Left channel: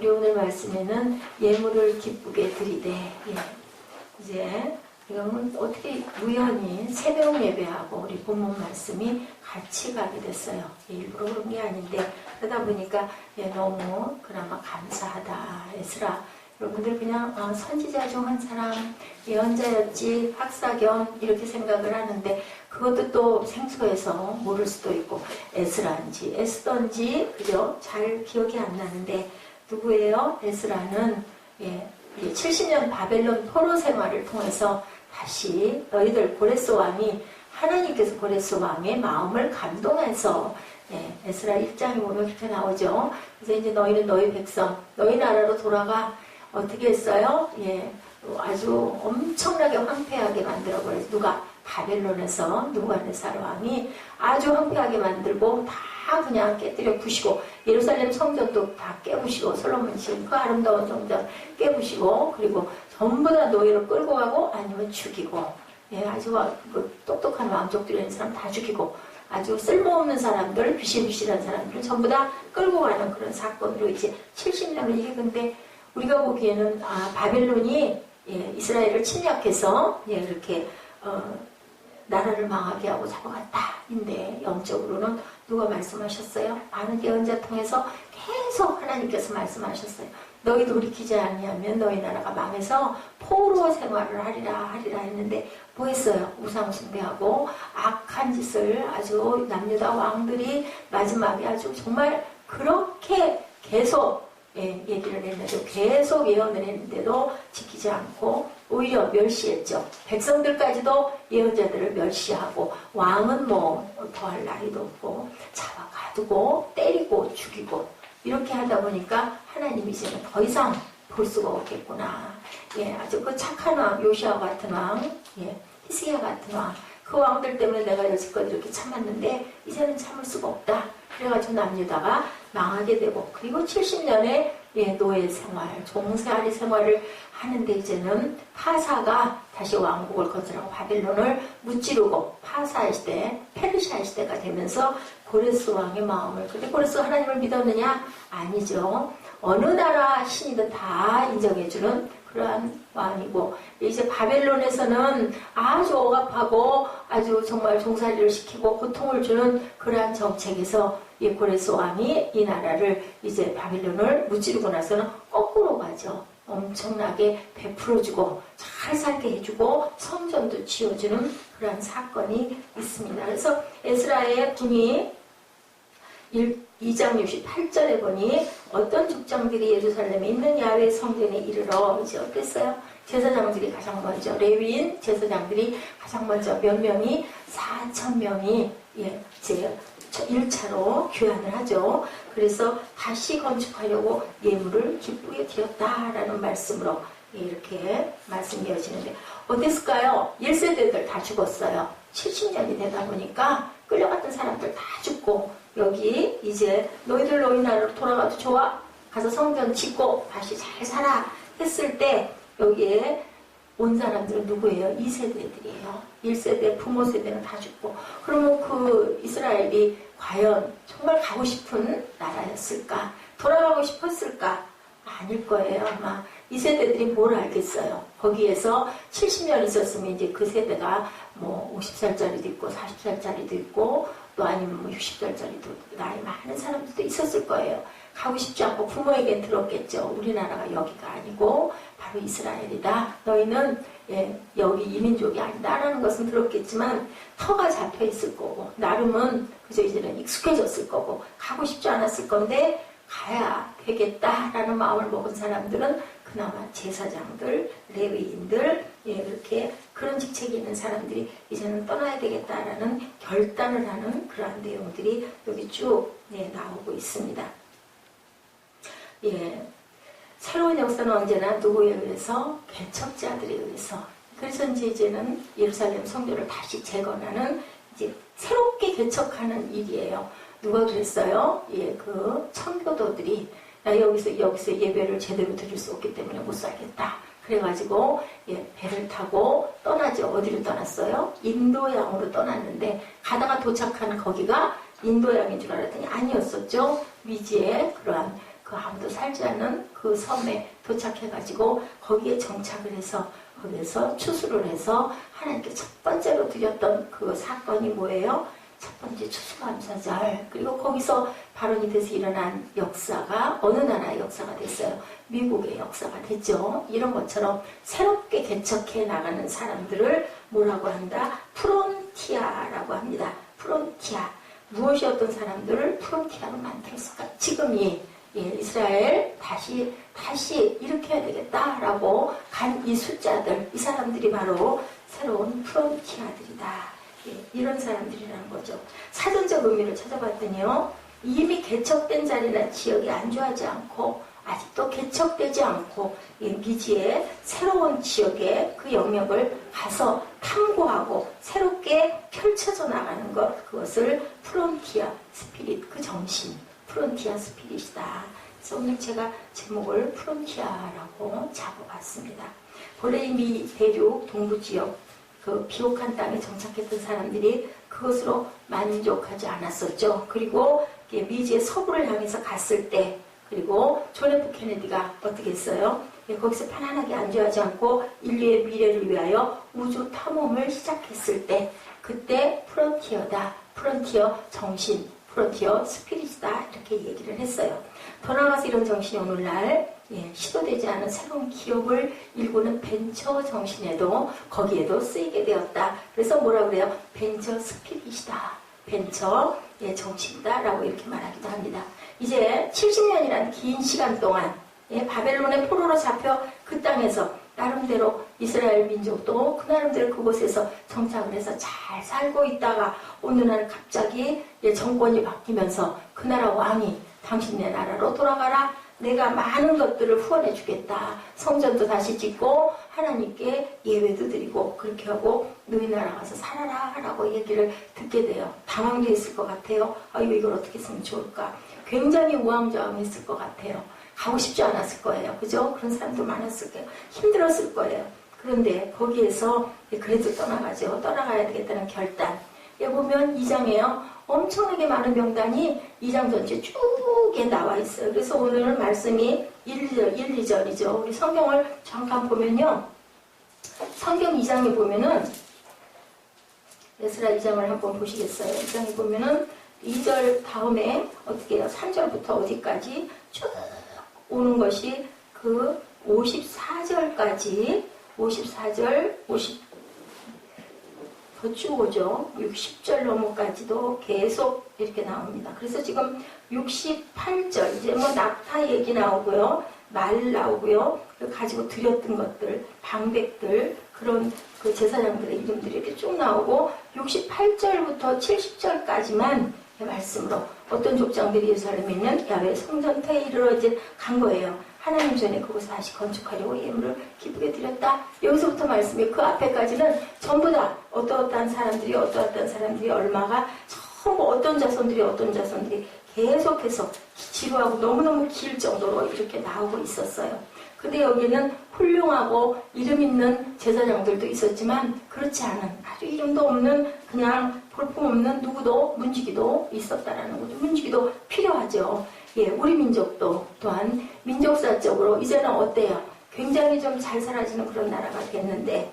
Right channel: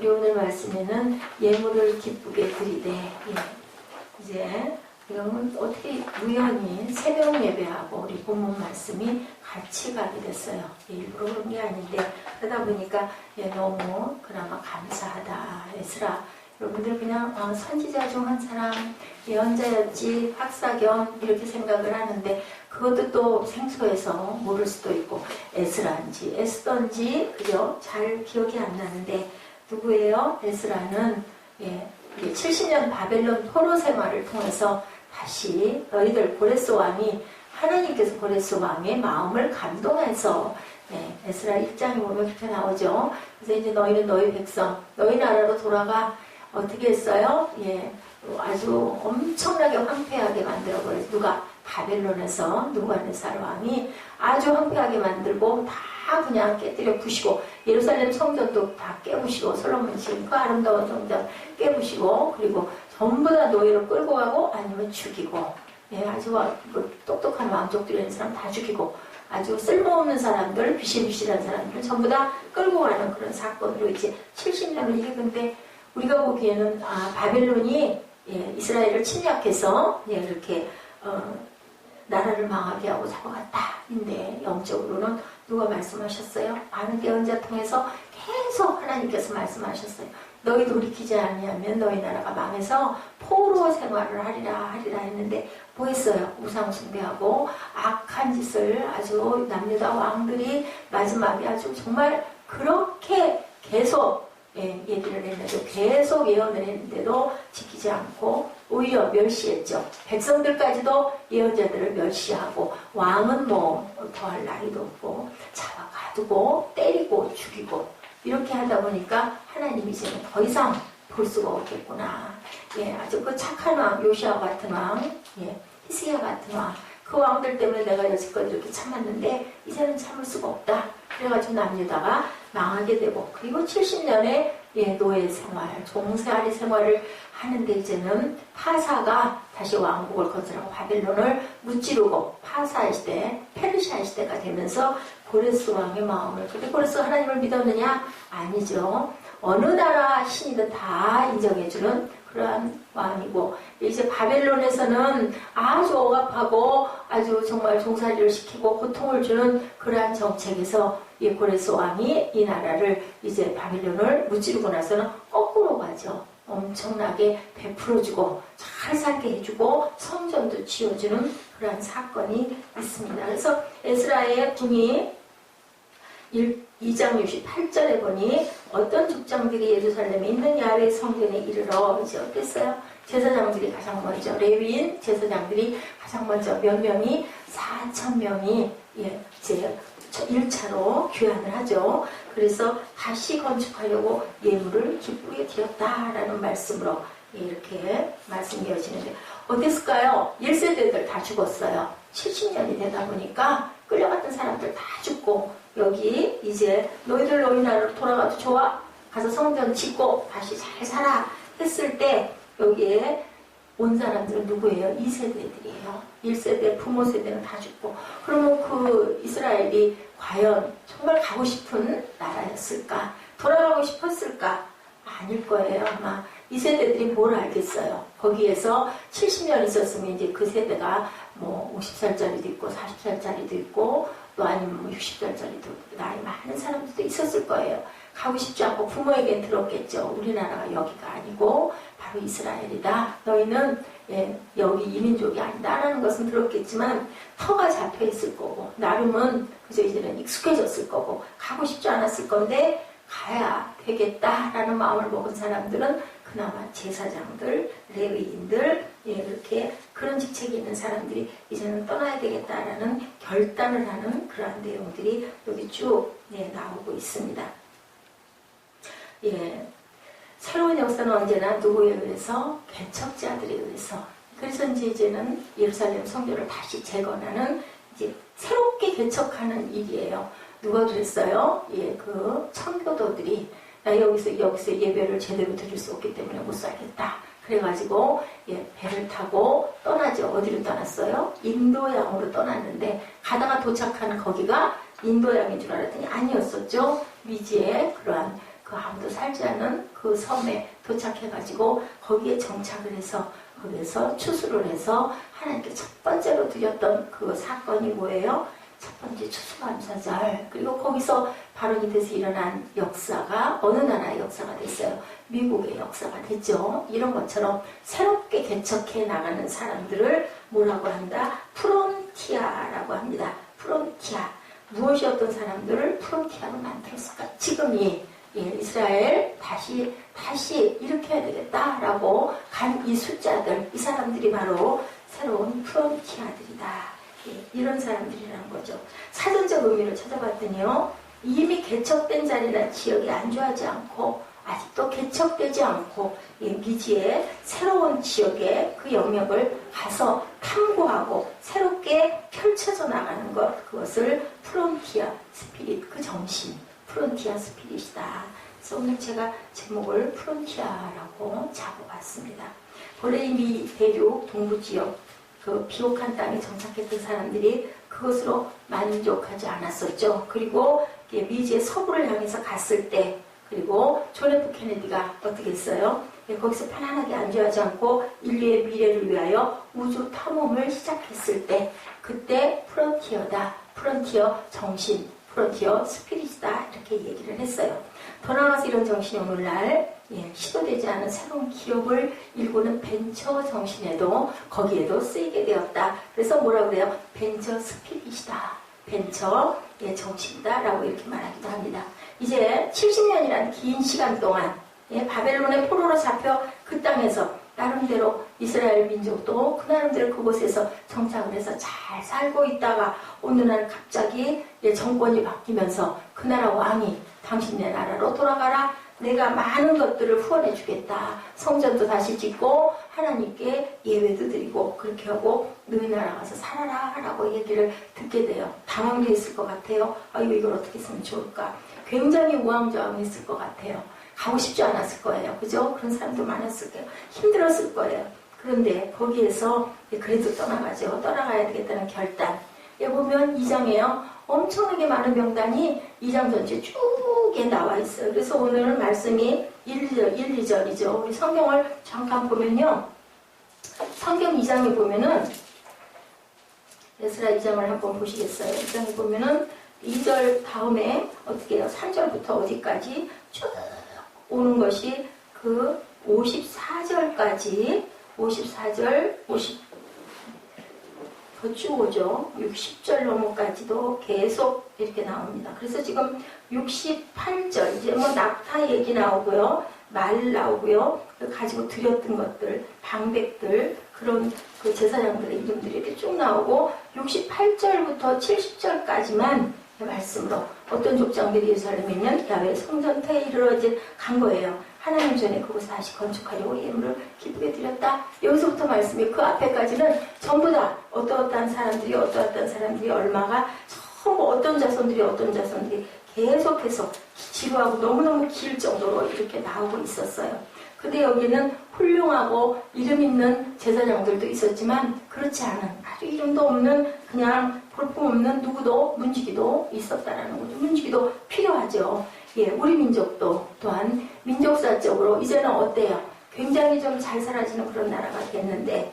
우리 오늘 말씀에는 예물을 기쁘게 드리되, 이제 이건 어떻게 우연히 새벽 예배하고 우리 본문 말씀이 같이 가게 됐어요. 일부러 그런 게 아닌데 그러다 보니까 너무 그나마 감사하다. 에스라 여러분들 그냥 선지자 중 한 사람, 예언자였지, 박사 겸 이렇게 생각을 하는데 그것도 또 생소해서 모를 수도 있고 에스라인지 에스더인지 그죠? 잘 기억이 안 나는데 누구예요? 에스라는 70년 바벨론 포로 생활을 통해서 다시 너희들 고레스 왕이 하나님께서 고레스 왕의 마음을 감동해서 에스라 1장에 보면 그렇게 나오죠. 그래서 이제 너희는 너희 백성, 너희 나라로 돌아가 어떻게 했어요? 아주 엄청나게 황폐하게 만들어버려서 누가 바벨론에서 누부갓네살 왕이 아주 황폐하게 만들고 다 그냥 깨뜨려 부시고 예루살렘 성전도 다 깨부시고 솔로몬 지은 그 아름다운 성전 깨부시고 그리고 전부 다 노예로 끌고 가고 아니면 죽이고 아주 똑똑한 왕족들이 있는 사람 다 죽이고 아주 쓸모없는 사람들 비실비실한 사람들 전부 다 끌고 가는 그런 사건으로 이제 70년을 이게 근데 우리가 보기에는 바벨론이 이스라엘을 침략해서 이렇게 나라를 망하게 하고 잡아갔다인데 영적으로는 누가 말씀하셨어요? 많은 예언자 통해서 계속 하나님께서 말씀하셨어요. 너희 돌이키지 아니하면 너희 나라가 망해서 포로 생활을 하리라 했는데 뭐 했어요? 우상 숭배하고 악한 짓을 아주 남유다 왕들이 마지막에 아주 정말 그렇게 계속 얘기를 했는데도 계속 예언을 했는데도 지키지 않고 오히려 멸시했죠. 백성들까지도 예언자들을 멸시하고 왕은 뭐 더할 나위도 없고 잡아 가두고 때리고 죽이고 이렇게 하다 보니까 하나님이 이제는 더 이상 볼 수가 없겠구나. 아주 그 착한 왕 요시아 같은 왕, 히스기야 같은 왕, 그 왕들 때문에 내가 여지껏 이렇게 참았는데 이제는 참을 수가 없다. 그래가지고 남유다가 망하게 되고 그리고 70년의 노예 생활, 종살이 생활을 하는데 이제는 파사가 다시 왕국을 거절하고 바벨론을 무찌르고 파사 시대, 페르시아 시대가 되면서 고레스 왕의 마음을 근데 고레스가 하나님을 믿었느냐? 아니죠. 어느 나라 신이든 다 인정해주는 그러한 왕이고 이제 바벨론에서는 아주 억압하고 아주 정말 종살이를 시키고 고통을 주는 그러한 정책에서 고레스 왕이 이 나라를 이제 바벨론을 무찌르고 나서는 거꾸로 가죠. 엄청나게 베풀어주고 잘 살게 해주고 성전도 지어주는 그러한 사건이 있습니다. 그래서 에스라의 궁이 2장 68절에 보니 어떤 족장들이 예루살렘에 있는 야훼 성전에 이르러 이제 어땠어요? 제사장들이 가장 먼저 레위인 제사장들이 가장 먼저 몇 명이 4,000명이 이제 1차로 교환을 하죠. 그래서 다시 건축하려고 예물을 기쁘게 드렸다라는 말씀으로 이렇게 말씀되어지는데 어땠을까요? 1세대들 다 죽었어요. 70년이 되다 보니까 끌려갔던 사람들 다 죽고 여기 이제 너희들 너희 나라로 돌아가도 좋아. 가서 성전 짓고 다시 잘 살아 했을 때 여기에 온 사람들은 누구예요? 2세대들이에요. 1세대 부모 세대는 다 죽고 그러면 그 이스라엘이 과연 정말 가고 싶은 나라였을까? 돌아가고 싶었을까? 아닐 거예요. 아마 2세대들이 뭘 알겠어요. 거기에서 70년 있었으면 이제 그 세대가 뭐 50살짜리도 있고 40살짜리도 있고 또 아니면 뭐 60살짜리도 나이 많은 사람들도 있었을 거예요. 가고 싶지 않고 부모에겐 들었겠죠. 우리나라가 여기가 아니고 바로 이스라엘이다. 너희는 여기 이민족이 아니다라는 것은 들었겠지만 터가 잡혀 있을 거고 나름은 그저 이제는 익숙해졌을 거고 가고 싶지 않았을 건데 가야 되겠다라는 마음을 먹은 사람들은 그나마 제사장들, 레위인들 이렇게 그런 직책이 있는 사람들이 이제는 떠나야 되겠다라는 결단을 하는 그러한 내용들이 여기 쭉 나오고 있습니다. 새로운 역사는 언제나 누구에 의해서? 개척자들에 의해서. 그래서 이제는 예루살렘 성전을 다시 재건하는 이제 새롭게 개척하는 일이에요. 누가 그랬어요? 그 청교도들이 나 여기서 예배를 제대로 드릴 수 없기 때문에 못 살겠다. 그래가지고 배를 타고 떠나죠. 어디로 떠났어요? 인도양으로 떠났는데 가다가 도착한 거기가 인도양인 줄 알았더니 아니었었죠. 위지의 그러한 그 아무도 살지 않는 그 섬에 도착해가지고 거기에 정착을 해서 거기에서 추수를 해서 하나님께 첫 번째로 드렸던 그 사건이 뭐예요? 첫 번째 추수감사절. 그리고 거기서 발원이 돼서 일어난 역사가 어느 나라의 역사가 됐어요? 미국의 역사가 됐죠. 이런 것처럼 새롭게 개척해 나가는 사람들을 뭐라고 한다? 프론티아라고 합니다. 프론티아. 무엇이 어떤 사람들을 프론티아로 만들었을까? 지금이 이스라엘 다시 일으켜야 되겠다라고 간 이 숫자들, 이 사람들이 바로 새로운 프론티아들이다. 이런 사람들이라는 거죠. 사전적 의미를 찾아봤더니요. 이미 개척된 자리나 지역이 안주하지 않고 아직도 개척되지 않고 미지의 새로운 지역에 그 영역을 가서 탐구하고 새롭게 펼쳐져 나가는 것, 그것을 프론티아 스피릿, 그 정신, 프론티아 스피릿이다. 그래서 오늘 제가 제목을 프론티아라고 잡아봤습니다. 본래 미 대륙 동부지역 그 비옥한 땅에 정착했던 사람들이 그것으로 만족하지 않았었죠. 그리고 미지의 서부를 향해서 갔을 때, 그리고 존 F 케네디가 어떻게 했어요? 거기서 편안하게 안주하지 않고 인류의 미래를 위하여 우주 탐험을 시작했을 때, 그때 프론티어다, 프론티어 정신, 프론티어 스피릿이다, 이렇게 얘기를 했어요. 더 나아가서 이런 정신이 오늘날 시도되지 않은 새로운 기업을 일구는 벤처 정신에도 거기에도 쓰이게 되었다. 그래서 뭐라 그래요? 벤처 스피릿이다. 벤처 정신이다 라고 이렇게 말하기도 합니다. 이제 70년이라는 긴 시간 동안 바벨론의 포로로 잡혀 그 땅에서 나름대로 이스라엘 민족도 그 나름대로 그곳에서 정착을 해서 잘 살고 있다가 어느 날 갑자기 정권이 바뀌면서 그 나라 왕이 당신네 나라로 돌아가라. 내가 많은 것들을 후원해 주겠다. 성전도 다시 짓고 하나님께 예배도 드리고 그렇게 하고 너희 나라 가서 살아라 라고 얘기를 듣게 돼요. 당황도 했을 것 같아요. 아이고 이걸 어떻게 했으면 좋을까. 굉장히 우왕좌왕했을 것 같아요. 가고 싶지 않았을 거예요. 그죠? 그런 사람도 많았을 거예요. 힘들었을 거예요. 그런데 거기에서 그래도 떠나가죠. 떠나가야 되겠다는 결단. 보면 2장에요. 엄청나게 많은 명단이 2장 전체 쭉 나와 있어요. 그래서 오늘은 말씀이 1, 2절이죠. 우리 성경을 잠깐 보면요. 성경 2장에 보면은 에스라 2장을 한번 보시겠어요? 2장에 보면은 2절 다음에 어떻게 해요? 3절부터 어디까지 쭉 오는 것이 그 54절까지 54절, 더 쭉 오죠. 60절 넘어까지도 계속 이렇게 나옵니다. 그래서 지금 68절, 이제 뭐 낙타 얘기 나오고요. 말 나오고요. 가지고 드렸던 것들, 방백들, 그런 그 제사장들의 이름들이 이렇게 쭉 나오고 68절부터 70절까지만 말씀으로 어떤 족장들이 예루살렘에 있는 야훼 성전터에 이르러 이제 간 거예요. 하나님 전에 그곳을 다시 건축하려고 예물을 기쁘게 드렸다. 여기서부터 말씀이 그 앞에까지는 전부 다 어떠한 사람들이 얼마가 전부 어떤 자손들이 계속해서 지루하고 너무너무 길 정도로 이렇게 나오고 있었어요. 근데 여기는 훌륭하고 이름 있는 제사장들도 있었지만 그렇지 않은 아주 이름도 없는 그냥 볼품없는 누구도 문지기도 있었다라는 거죠. 문지기도 필요하죠. 우리 민족도 또한 민족사적으로 이제는 어때요? 굉장히 좀 잘 사라지는 그런 나라가 됐는데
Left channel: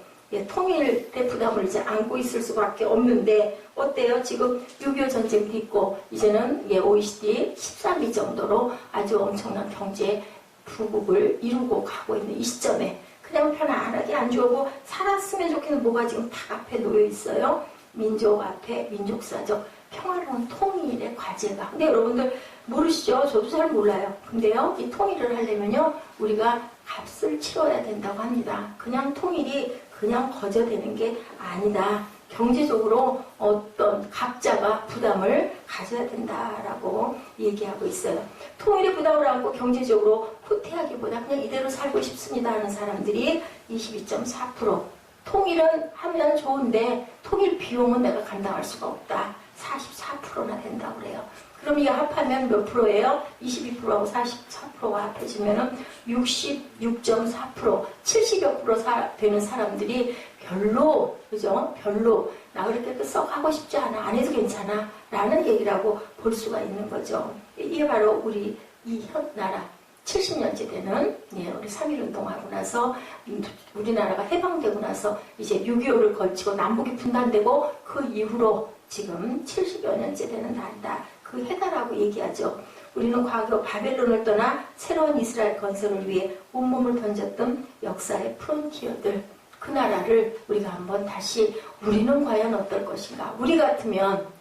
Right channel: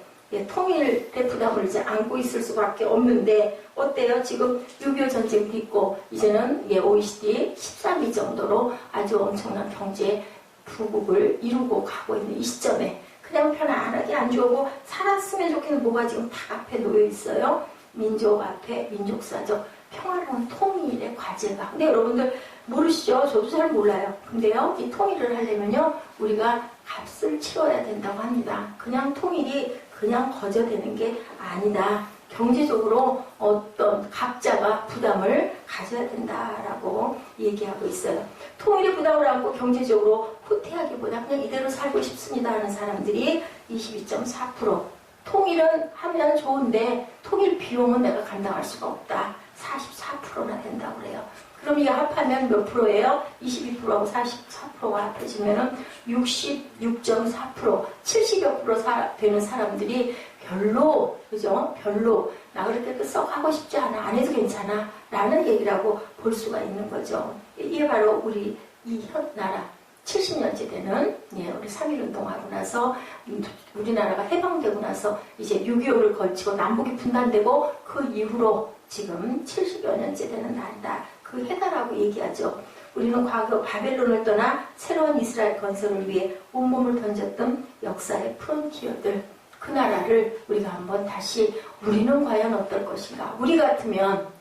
통일의 부담을 이제 안고 있을 수밖에 없는데 어때요? 지금 6.25 전쟁도 있고 이제는 OECD 13위 정도로 아주 엄청난 경제 부국을 이루고 가고 있는 이 시점에 그냥 편안하게 안주하고 살았으면 좋겠는 뭐가 지금 다 앞에 놓여 있어요. 민족 앞에 민족사적 평화로운 통일의 과제가. 근데 여러분들 모르시죠? 저도 잘 몰라요. 근데요, 이 통일을 하려면요, 우리가 값을 치러야 된다고 합니다. 그냥 통일이 그냥 거저되는 게 아니다. 경제적으로 어떤 각자가 부담을 가져야 된다라고 얘기하고 있어요. 통일의 부담을 안고 경제적으로 후퇴하기보다 그냥 이대로 살고 싶습니다 하는 사람들이 22.4%. 통일은 하면 좋은데 통일 비용은 내가 감당할 수가 없다. 44%나 된다고 그래요. 그럼 이게 합하면 몇 프로예요? 22%하고 44%가 합해지면은 66.4%, 70여 프로 되는 사람들이 별로, 그죠? 별로, 나 그렇게 썩 하고 싶지 않아. 안 해도 괜찮아. 라는 얘기라고 볼 수가 있는 거죠. 이게 바로 우리 이 나라 70년째 되는 우리 3.1운동하고 나서 우리나라가 해방되고 나서 이제 6.25를 걸치고 남북이 분단되고 그 이후로 지금 70여 년째 되는 날이다. 그 해다라고 얘기하죠. 우리는 과거 바벨론을 떠나 새로운 이스라엘 건설을 위해 온몸을 던졌던 역사의 프론티어들, 그 나라를 우리가 한번 다시 우리는 과연 어떨 것인가. 우리 같으면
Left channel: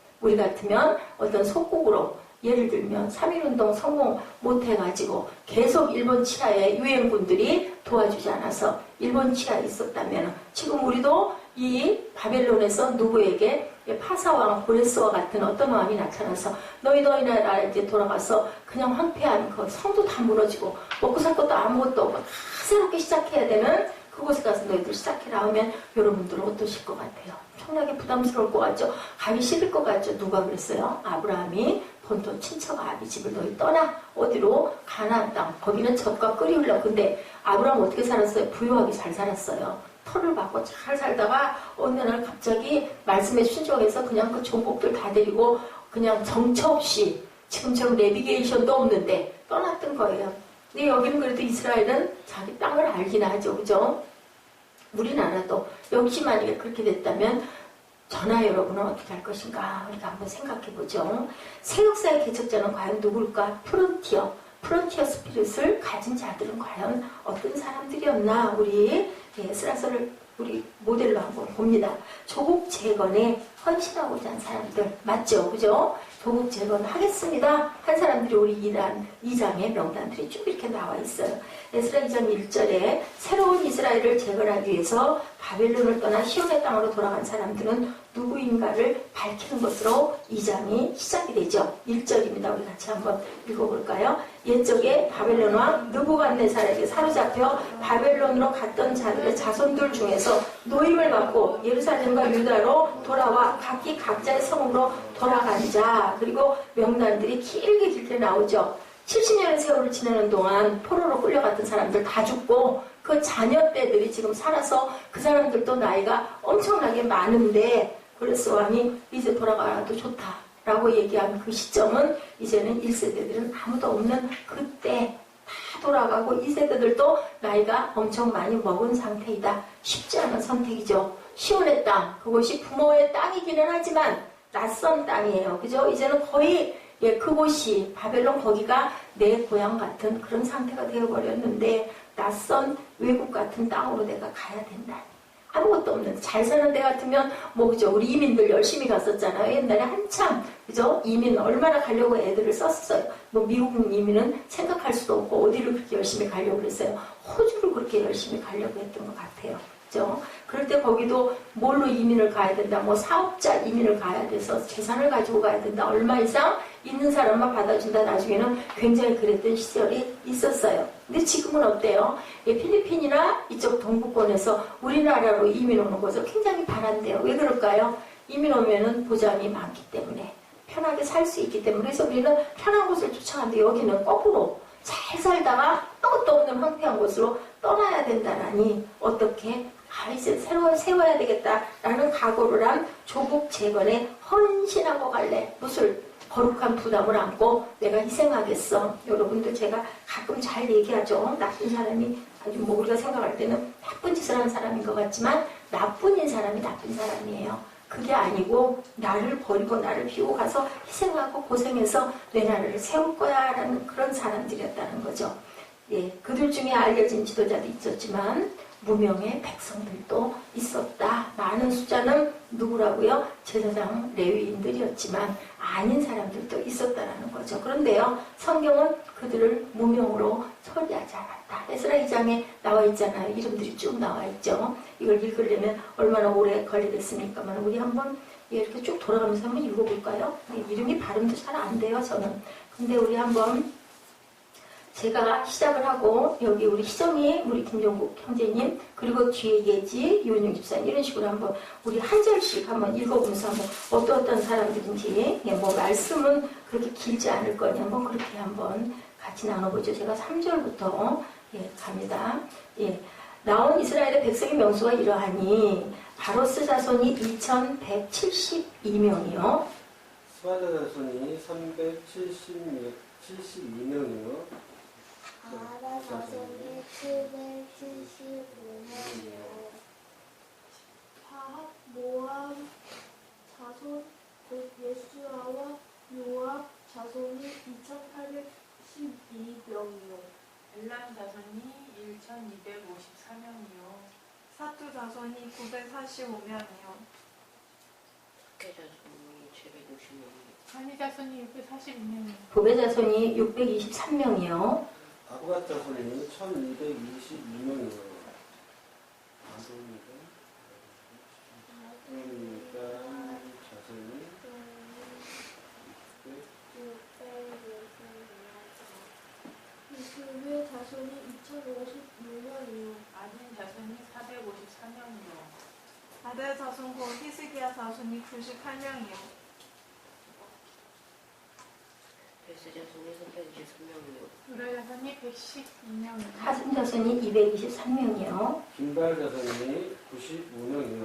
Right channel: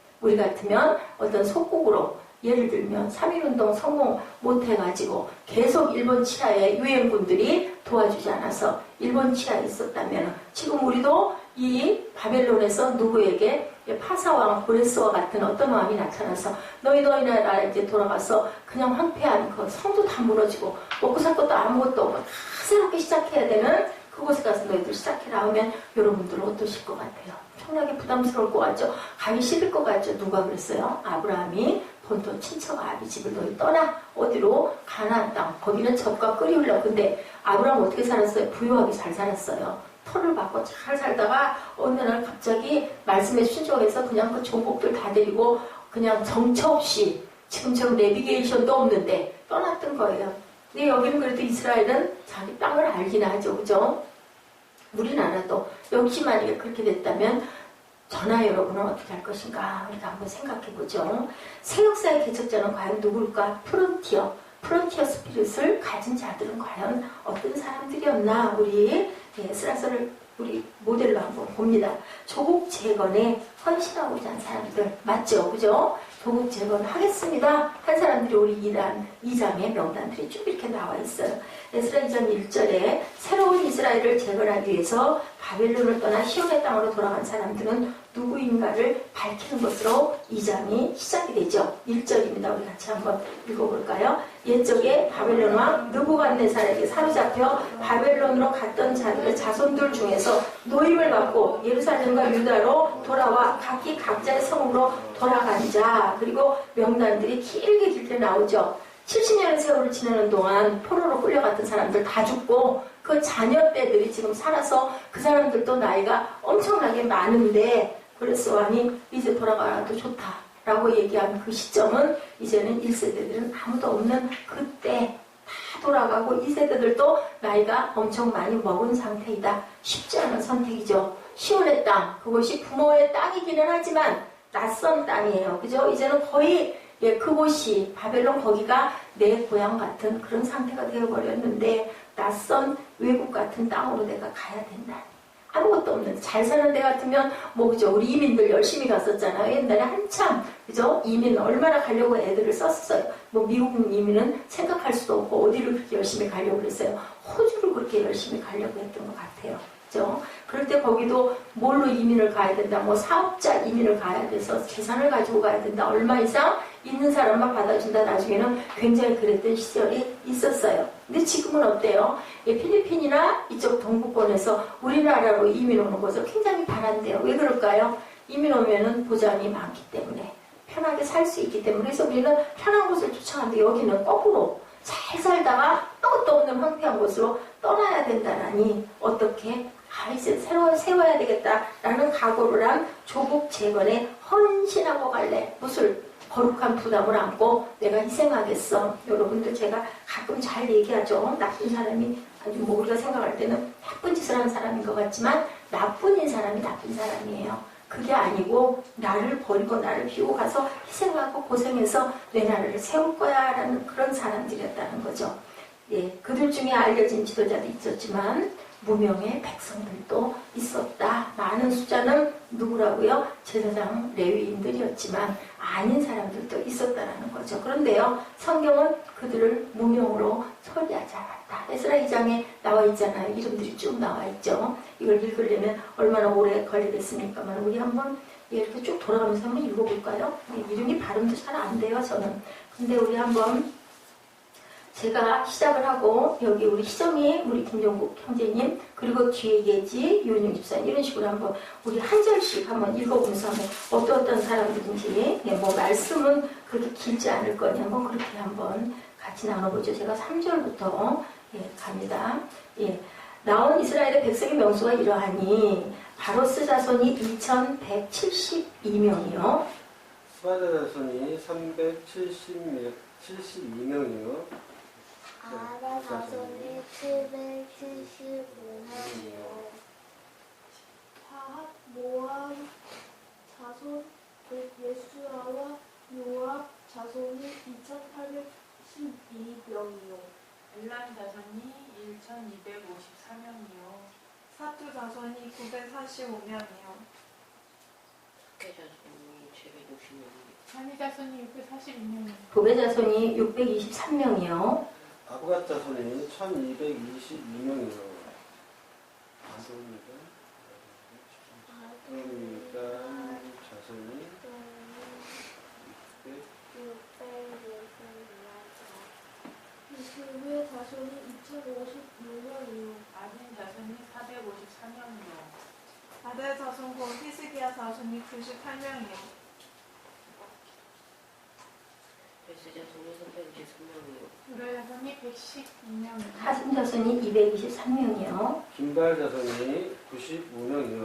어떤 속국으로 예를 들면 3.1운동 성공 못해가지고 계속 일본 치하에 유엔군들이 도와주지 않아서 일본 치하에 있었다면 지금 우리도 이 바벨론에서 누구에게 파사왕 고레스와 같은 어떤 왕이 나타나서 너희도 이 나라에 이제 돌아가서 그냥 황폐한 그 성도 다 무너지고 먹고 살 것도 아무것도 없고 다 새롭게 시작해야 되는 그곳에 가서 너희들 시작해라 하면 여러분들은 어떠실 것 같아요? 엄청나게 부담스러울 것 같죠? 가기 싫을 것 같죠? 누가 그랬어요? 아브라함이 본토 친척 아비 집을 너희 떠나 어디로? 가나안 땅. 거기는 젖과 끓이 흘러. 근데 아브라함 어떻게 살았어요? 부유하게 잘 살았어요. 터를 받고 잘 살다가 어느 날 갑자기 말씀에 순종해서 그냥 그 종복들 다 데리고 그냥 정처 없이 지금처럼 내비게이션도 없는데 떠났던 거예요. 근데 여기는 그래도 이스라엘은 자기 땅을 알긴 하죠. 그죠? 우리나라도 역시 만약에 그렇게 됐다면 저나 여러분은 어떻게 할 것인가 우리가 한번 생각해보죠. 새 역사의 개척자는 과연 누굴까? 프론티어 스피릿을 가진 자들은 과연 어떤 사람들이었나? 우리 에스라서를 우리 모델로 한번 봅니다. 조국 재건에 헌신하고자 한 사람들 맞죠? 그죠? 조국 재건 하겠습니다 한 사람들이 우리 2장의 명단들이 쭉 이렇게 나와 있어요. 에스라 2장 1절에 새로운 이스라엘을 재건하기 위해서 바벨론을 떠나 시온의 땅으로 돌아간 사람들은 누구인가를 밝히는 것으로 2장이 시작이 되죠. 1절입니다. 우리 같이 한번 읽어볼까요? 옛적에 바벨론 왕 느부갓네살에게 사로잡혀 바벨론으로 갔던 자들의 자손들 중에서 노임을 받고 예루살렘과 유다로 돌아와 각기 각자의 성으로 돌아간 자, 그리고 명단들이 길게 나오죠. 70년의 세월을 지내는 동안 포로로 끌려갔던 사람들 다 죽고 그 자녀 때들이 지금 살아서 그 사람들도 나이가 엄청나게 많은데 고레스 왕이 이제 돌아가도 좋다라고 얘기한 그 시점은 이제는 1세대들은 아무도 없는 그때 다 돌아가고 2세대들도 나이가 엄청 많이 먹은 상태이다. 쉽지 않은 선택이죠. 시온의 땅, 그것이 부모의 땅이기는 하지만 낯선 땅이에요. 그죠? 이제는 거의 그곳이 바벨론 거기가 내 고향 같은 그런 상태가 되어버렸는데 낯선 외국 같은 땅으로 내가 가야 된다. 아무것도 없는데 잘 사는 데 같으면 그죠? 우리 이민들 열심히 갔었잖아요. 옛날에 한참 그죠? 이민 얼마나 가려고 애들을 썼어요. 미국 이민은 생각할 수도 없고 어디를 그렇게 열심히 가려고 그랬어요. 호주를 그렇게 열심히 가려고 했던 것 같아요. 그죠? 그럴 때 거기도 뭘로 이민을 가야 된다. 사업자 이민을 가야 돼서 재산을 가지고 가야 된다. 얼마 이상 있는 사람만 받아준다. 나중에는 굉장히 그랬던 시절이 있었어요. 근데 지금은 어때요? 필리핀이나 이쪽 동부권에서 우리나라로 이민 오는 것을 굉장히 바란대요. 왜 그럴까요? 이민 오면은 보장이 많기 때문에 편하게 살 수 있기 때문에 그래서 우리는 편한 곳을 쫓아가는데 여기는 거꾸로 잘 살다가 아무것도 없는 황폐한 곳으로 떠나야 된다라니 어떻게 이제 새로 세워야 되겠다라는 각오를 한 조국 재건에 헌신하고 갈래. 무슨 거룩한 부담을 안고 내가 희생하겠어. 여러분들 제가 가끔 잘 얘기하죠. 나쁜 사람이 아주 우리가 생각할 때는 나쁜 짓을 한 사람인 것 같지만 나쁜 사람이 나쁜 사람이에요. 그게 아니고 나를 버리고 나를 비우고 가서 희생하고 고생해서 내 나라를 세울 거야 라는 그런 사람들이었다는 거죠. 그들 중에 알려진 지도자도 있었지만 무명의 백성들도 있었다. 많은 숫자는 누구라고요? 제사장 레위인들이었지만 아닌 사람들도 있었다라는 거죠. 그런데요, 성경은 그들을 무명으로 처리하지 않았다. 에스라 2장에 나와 있잖아요. 이름들이 쭉 나와 있죠. 이걸 읽으려면 얼마나 오래 걸리겠습니까? 우리 한번 이렇게 쭉 돌아가면서 한번 읽어볼까요? 이름이 발음도 잘 안 돼요, 저는. 근데 우리 한번 제가 시작을 하고 여기 우리 희정이 우리 김종국 형제님 그리고 뒤에 예지 유은영 집사님 이런 식으로 한번 우리 한 절씩 한번 읽어보면서 한번 어떤 사람들인지 말씀은 그렇게 길지 않을 거니 한번 그렇게 한번 같이 나눠보죠. 제가 3절부터 갑니다. 나온 이스라엘의 백성의 명수가 이러하니 바로스 자손이 2172명이요. 스바다 자손이 372 72명이요. 아라 자손이 775명이요. 파합 모압 자손 곧 예수아와 요압 자손이 2812명이요. 엘람 자손이 1254명이요. 사투 자손이 945명이요. 학계 자손이 760명이요. 선희 자손이 642명이요. 부배 자손이 623명이요. 아부갓 자손이 1222명이요. 아부니까 자손이 20의 자손이 2056명이요. 아딘 자손이 453명이요. 아델 자손 곧 히스기야 자손이 98명이요. 벨스 자손이 323명이요. 유라 자손이 112명이요. 하승 자손이 223명이요. 김발 자손이 95명이요.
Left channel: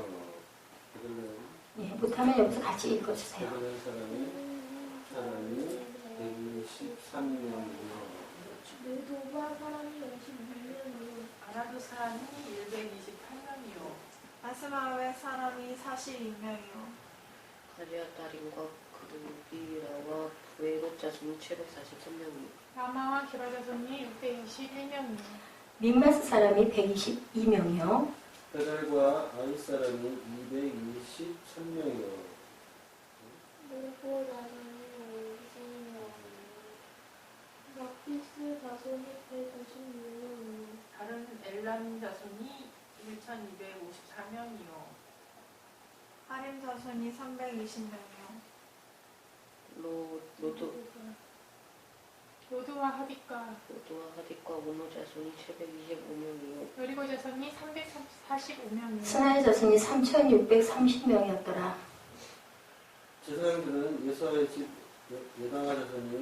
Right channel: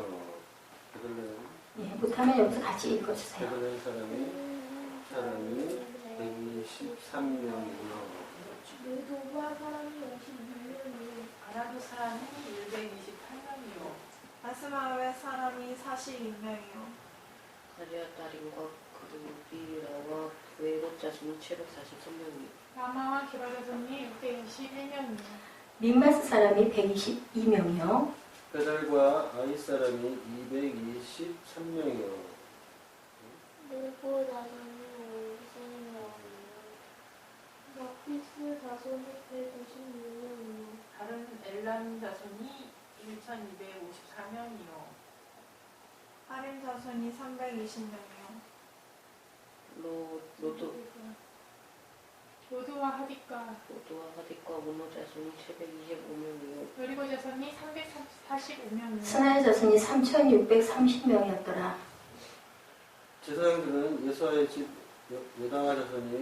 예, 못하면 여기서 같이 읽어주세요. 베들레헴 사람이 123명이요. 메도바 사람이 56명이요. 아라도 사람이 128명이요. 아스마웨 사람이 42명이요. 가리아 딸인과 그루비라와 외국 자손이 743명이요. 라마와 기라 자손이 621명이요. 민마스 사람이 122명이요. 베달과 아이 사람이 223명이요. 모고 자손이 50명이요. 마피스 자손이 156명이요. 다른 엘람 자손이 1254명이요. 하림 자손이 320명이요. 로드와 하딕과 로드와 하딕과 오노 자손이 725명이요. 여리고 자손이 345명이요. 스나의 자손이 3630명이었더라. 제사장들은 예수아의 집 예당아 자손이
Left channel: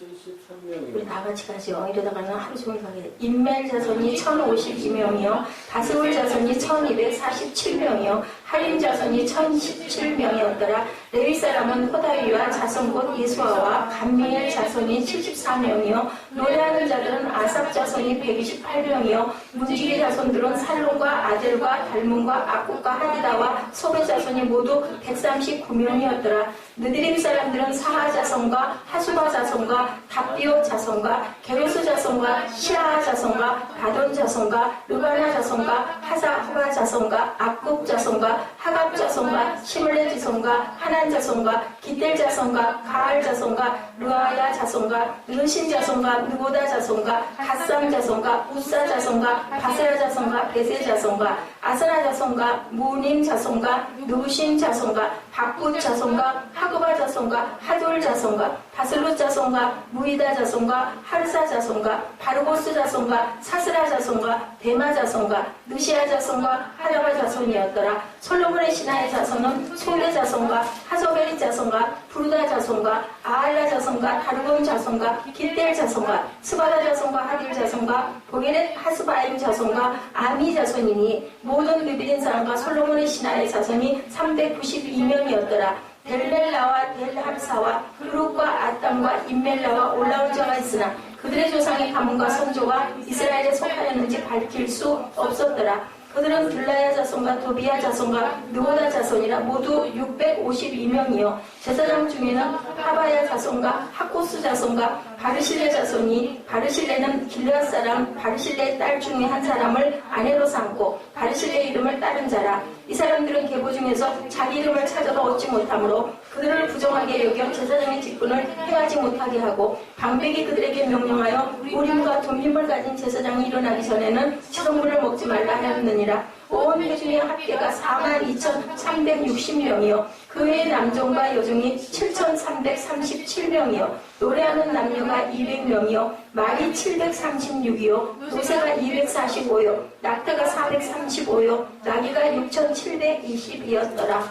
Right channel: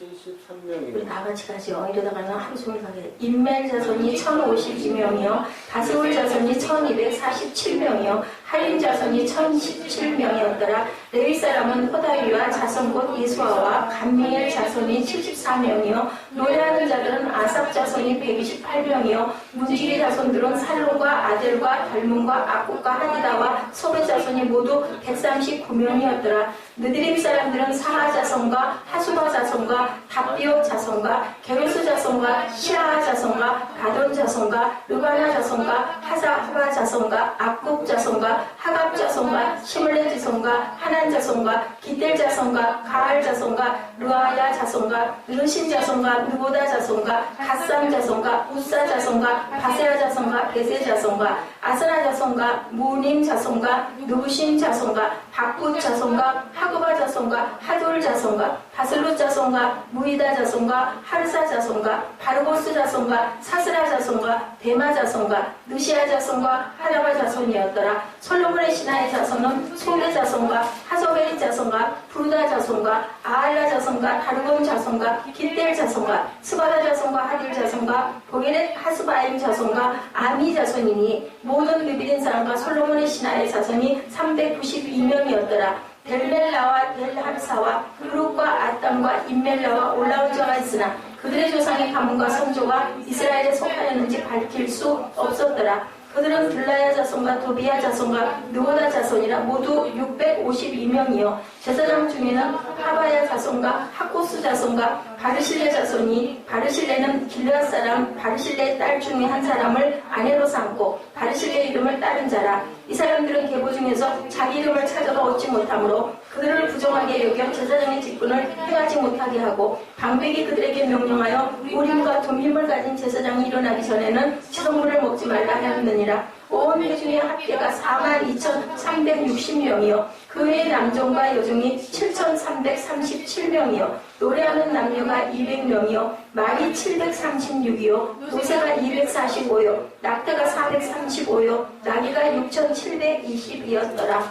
973명이요. 우리 다 같이 가죠. 이러다가는 하루 종일 가게 돼. 인멜 자손이 1052명이요. 바스울 자손이 1247명이요. 할림 자손이 1017명이었더라. 레위 사람은 호다위와 자손 곧 예수아와 감미엘 자손이 74명이요. 노래하는 자들은 아삽 자손이 128명이요. 문지기 자손들은 살론과 아델과 달문과 아국과 하디다와 소베 자손이 모두 139명이었더라. 느드림 사람들은 사하 자손과 하수바 자손과 답비옥 자손과 게로스 자손과 시라하 자손과 바돈 자손과 르바나 자손과 하사후바 자손과 악국 자손과 하갑 자손과 시물레 자손과 하난 자손과 기델 자손과 가알 자손과 르아야 자손과 르신 자손과 느보다 자손과 갓삼 자손과 우사 자손과 바세라 자손과 베세 자손과 아스나 자손과 무님 자손과 누신 자손과 박굿 자손과 하구바 자손과 하돌 자손과 바슬롯 자손과 무이다 자손과 하르사 자손과 바르고스 자손과 사스라 자손과 데마 자손과 느시아 자손과 하라바 자손이었더라. 솔로몬의 신하의 자손은 소레 자손과 하소베리 자손과 부르다 자손과 아알라 자손과 다르곤 자손과 길델 자손과 스바다 자손과 하딜 자손과 보게렛 하스바임 자손과 아미 자손이니 모든 느비린 사람과 솔로몬의 신하의 자손이 392명이었더라. 델멜라와 델함사와 그룹과 아담과 임멜라와 올라온 자가 있으나 그들의 조상의 가문과 선조가 이스라엘에 속하였는지 밝힐 수 없었더라. 그들은 들라야 자손과 도비야 자손과 느보다 자손이라 모두 652명이요. 제사장 중에는 하바야 자손과 하코스 자손과 바르실레 자손이 바르실레는 길르앗 사람 바르실레의 딸 중에 한 사람을 아내로 삼고 바르실레의 이름을 따른 자라. 이 사람들은 계보 중에서 자기 이름을 찾아도 얻지 못하므로 그들을 부정하게 여겨 제사장의 직분을 행하지 못하게 하고 방백이 그들에게 명령하여 우림과 돔힘을 가진 제사장이 일어나기 전에는 지성물을 먹지 말라 하였느니라. 온 회중의 합계가 42,360명이요. 그 외의 남종과 여종이 7,337명이요. 노래하는 남녀가 200명이요. 말이 736이요. 노새가 245요. 낙타가 435요. 나귀가 6,720이었더라.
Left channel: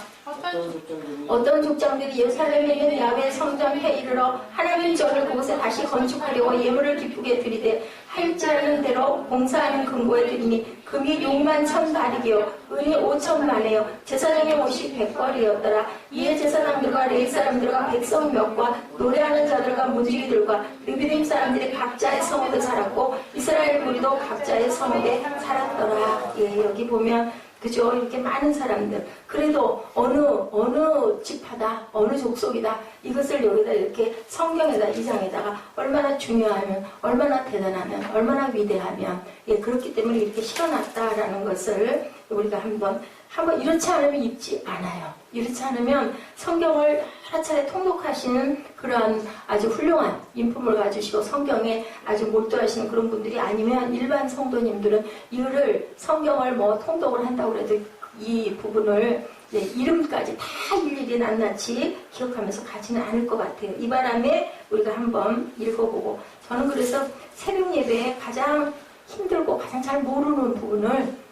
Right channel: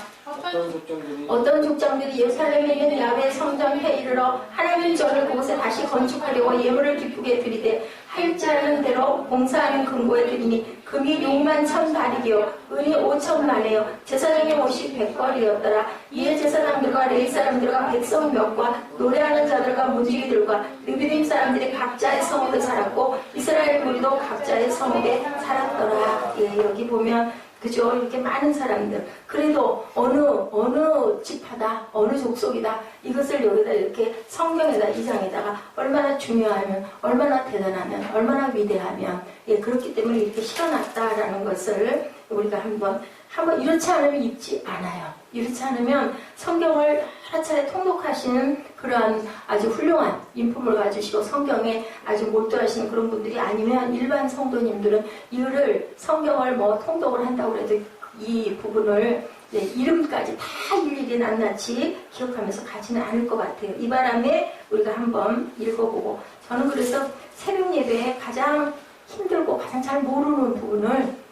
어떤 족장들이 예루살렘에 있는 야훼 성전에 이르러 하나님 전을 그곳에 다시 건축하려고 예물을 기쁘게 드리되 하일 흠입지 않은 대로 봉사하는 금고에 드리니 금이 6만 1,000바리기요 은이 5,000만에요 제사장의 옷이 100벌이었더라. 이에 제사장들과 레위 사람들과 백성 몇과 노래하는 자들과 문지기들과 느비딤 사람들이 각자의 성읍에 살았고 이스라엘 무리도 각자의 성읍에 살았더라. 예, 여기 보면 그죠? 이렇게 많은 사람들. 그래도 어느 지파다, 어느 족속이다. 이것을 여기다 이렇게 성경에다, 이 장에다가 얼마나 중요하면, 얼마나 대단하면, 얼마나 위대하면, 예, 그렇기 때문에 이렇게 실어놨다라는 것을 우리가 한번 이렇지 않으면 읽지 않아요. 이렇지 않으면 성경을 여러 차례 통독하시는 그러한 아주 훌륭한 인품을 가지시고 성경에 아주 몰두하시는 그런 분들이 아니면 일반 성도님들은 이거를 성경을 뭐 통독을 한다고 해도 이 부분을 이름까지 다 일일이 낱낱이 기억하면서 가지는 않을 것 같아요. 이 바람에 우리가 한번 읽어보고 저는 그래서 새벽 예배에 가장 힘들고 가장 잘 모르는 부분을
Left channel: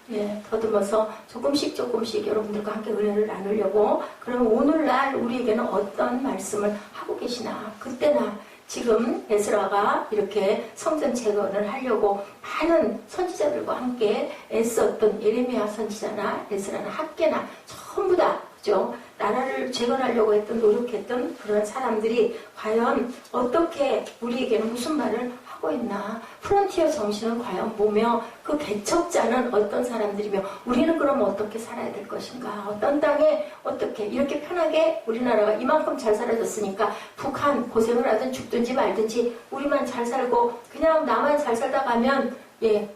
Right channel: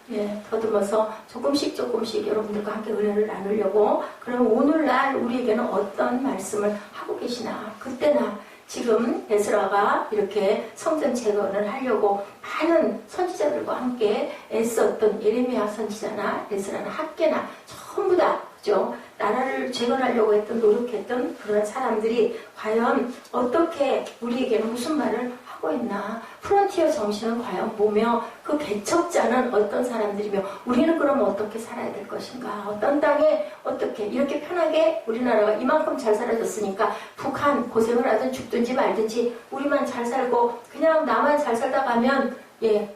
더듬어서 조금씩 여러분들과 함께 은혜를 나누려고 그럼 오늘날 우리에게는 어떤 말씀을 하고 계시나 그때나 지금 에스라가 이렇게 성전 재건을 하려고 많은 선지자들과 함께 애썼던 예레미야 선지자나 에스라나 학계나 전부 다 그죠? 나라를 재건하려고 노력했던 그런 사람들이 과연 어떻게 우리에게는 무슨 말을 하고 있나? 프론티어 정신은 과연 뭐며 그 개척자는 어떤 사람들이며 우리는 그럼 어떻게 살아야 될 것인가? 어떤 땅에 어떻게 이렇게 편하게 우리나라가 이만큼 잘 살아졌으니까 북한 고생을 하든 죽든지 말든지 우리만 잘 살고 그냥 나만 잘 살다 가면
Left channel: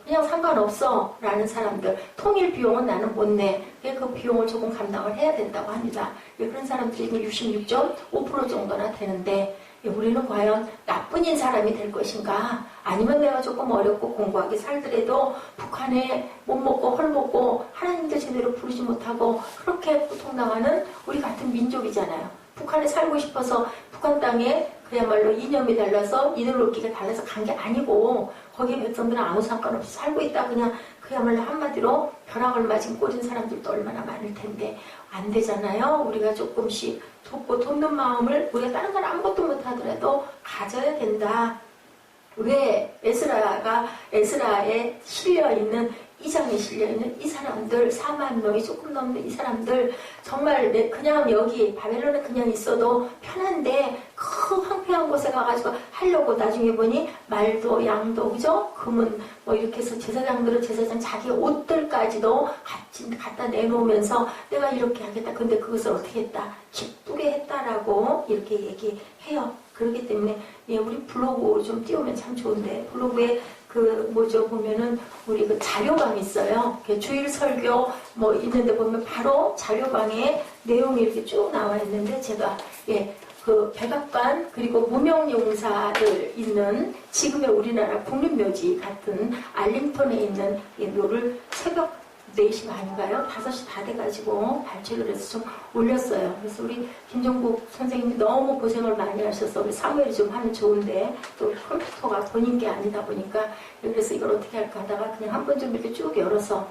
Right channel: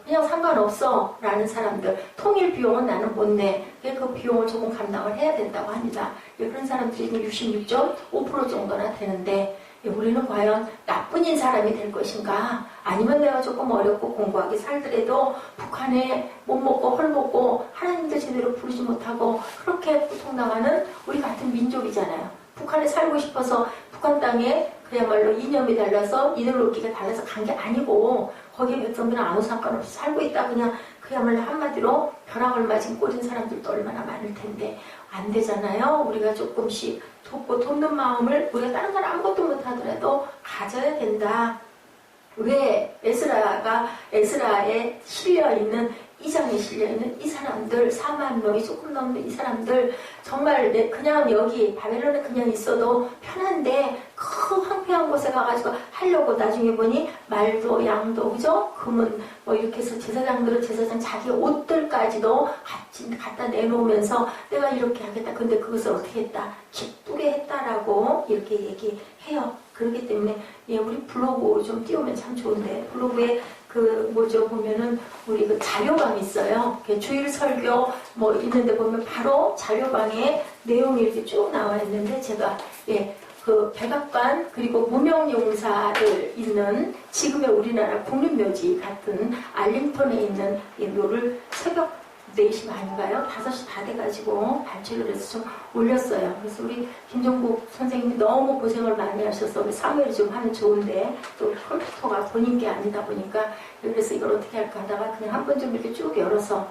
그냥 상관없어 라는 사람들 통일 비용은 나는 못 내. 그 비용을 조금 감당을 해야 된다고 합니다. 그런 사람들이 66.5% 정도나 되는데 우리는 과연 나쁜 사람이 될 것인가? 아니면 내가 조금 어렵고 공고하게 살더라도 북한에 못 먹고 헐 먹고 하나님도 제대로 부르지 못하고 그렇게 고통당하는 우리 같은 민족이잖아요. 북한에 살고 싶어서 북한 땅에 그야말로 이념이 달라서 이데올로기가 달라서 간 게 아니고 거기에 백성들은 아무 상관없이 살고 있다 그야말로 한마디로 벼락을 맞은 꼴인 사람들도 얼마나 많을 텐데 안 되잖아요. 우리가 조금씩 돕는 마음을 우리가 다른 건 아무것도 못하더라도 가져야 된다. 왜 에스라에 실려있는 이 장에 실려있는 이 사람들 4만 명이 조금 넘는 이 사람들 정말 그냥 여기 바벨론에 그냥 있어도 편한데 그 황폐한 곳에 가가지고 하려고 나중에 보니 말도 양도 그죠? 금은 뭐 이렇게 해서 제사장들은 제사장 자기 옷들까지도 갖다 내놓으면서 내가 이렇게 하겠다. 근데 그것을 어떻게 했다? 기쁘게 했다라고 이렇게 얘기해요. 그렇기 때문에 우리 블로그 좀 띄우면 참 좋은데 블로그에 보면은 우리 그 자료방이 있어요. 주일 설교 뭐 있는데 보면 바로 자료방에 내용이 이렇게 쭉 나와 있는데 제가 그 백악관 그리고 무명용사들 있는 지금의 우리나라 국립묘지 같은 알링턴에 있는 묘를 새벽 4시 반인가요? 5시 다 돼가지고 발췌를 해서 좀 올렸어요. 그래서 우리 김정국 선생님이 너무 고생을 많이 하셔서 우리 사무엘이 좀 하면 좋은데 또 컴퓨터가 본인 게 아니다 보니까 그래서 이걸 어떻게 할까 하다가 그냥 한 번 좀 이렇게 쭉 열어서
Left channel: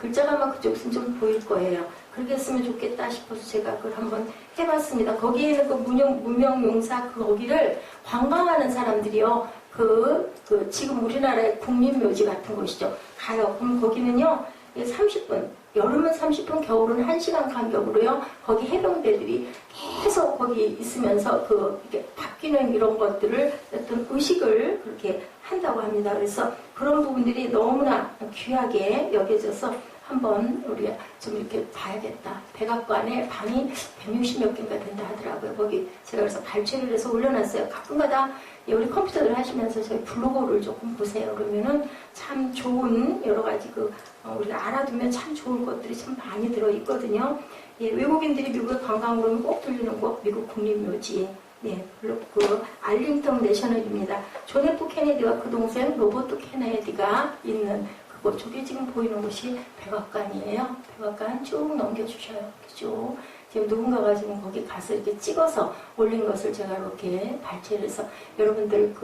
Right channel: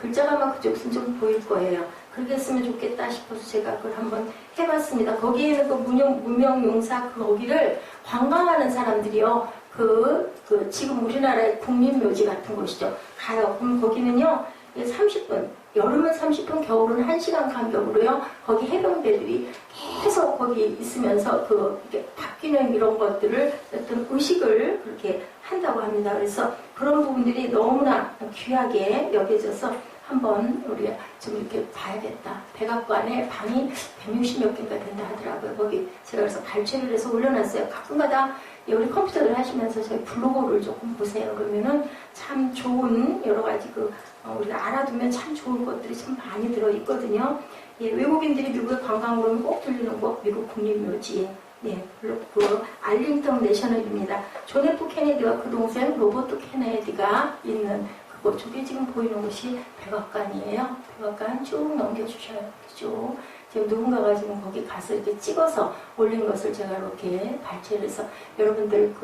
글자가만 그쪽은 좀 보일 거예요. 그렇게 했으면 좋겠다 싶어서 제가 그걸 한번 해봤습니다. 거기에는 그 무명용사 거기를 관광하는 사람들이요. 지금 우리나라의 국립묘지 같은 곳이죠. 가요. 그럼 거기는요. 30분, 여름은 30분, 겨울은 1시간 간격으로요. 거기 해병대들이 계속 거기 있으면서 이렇게 바뀌는 이런 것들을 어떤 의식을 그렇게 한다고 합니다. 그래서 그런 부분들이 너무나 귀하게 여겨져서 한번 우리가 좀 이렇게 봐야겠다. 백악관에 방이 160몇 개인가 된다 하더라고요. 거기 제가 그래서 발췌를 해서 올려놨어요. 가끔가다 우리 컴퓨터를 하시면서 저희 블로그를 조금 보세요. 그러면은 참 좋은 여러 가지 우리가 알아두면 참 좋은 것들이 참 많이 들어있거든요. 외국인들이 미국에 관광 오면 꼭 들리는 곳 미국 국립묘지. 알링턴 내셔널입니다. 존 F 케네디와 그 동생 로버트 케네디가 있는 그곳 저기 지금 보이는 곳이 백악관이에요. 백악관 쭉 넘겨주셔요. 쭉. 지금 누군가가 지금 거기 가서 이렇게 찍어서 올린 것을 제가 이렇게 발췌를 해서 여러분들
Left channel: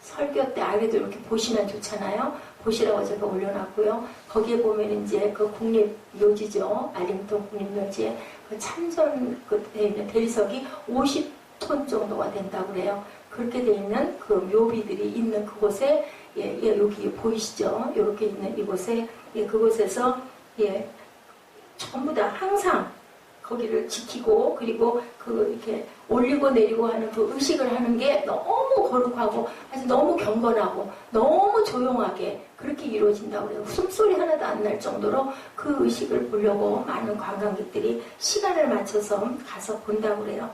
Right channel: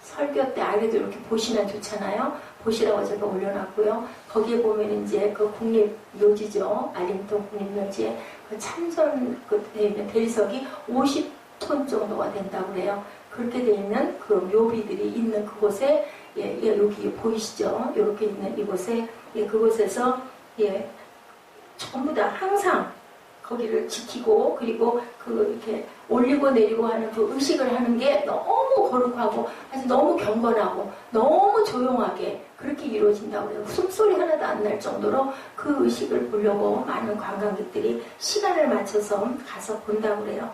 설교 때 아래도 이렇게 보시면 좋잖아요. 보시라고 제가 올려놨고요. 거기에 보면 이제 국립묘지죠. 알링턴 국립묘지에 참전 대리석이 50톤 정도가 된다고 그래요. 그렇게 돼 있는 묘비들이 있는 그곳에 여기 보이시죠? 이렇게 있는 이곳에, 그곳에서, 전부 다 항상 거기를 지키고, 그리고 이렇게 올리고 내리고 하는 그 의식을 하는 게 너무 거룩하고, 아주 너무 경건하고, 너무 조용하게 그렇게 이루어진다고 그래요. 숨소리 하나도 안 날 정도로 그 의식을 보려고 많은 관광객들이 시간을 맞춰서 가서 본다고 그래요.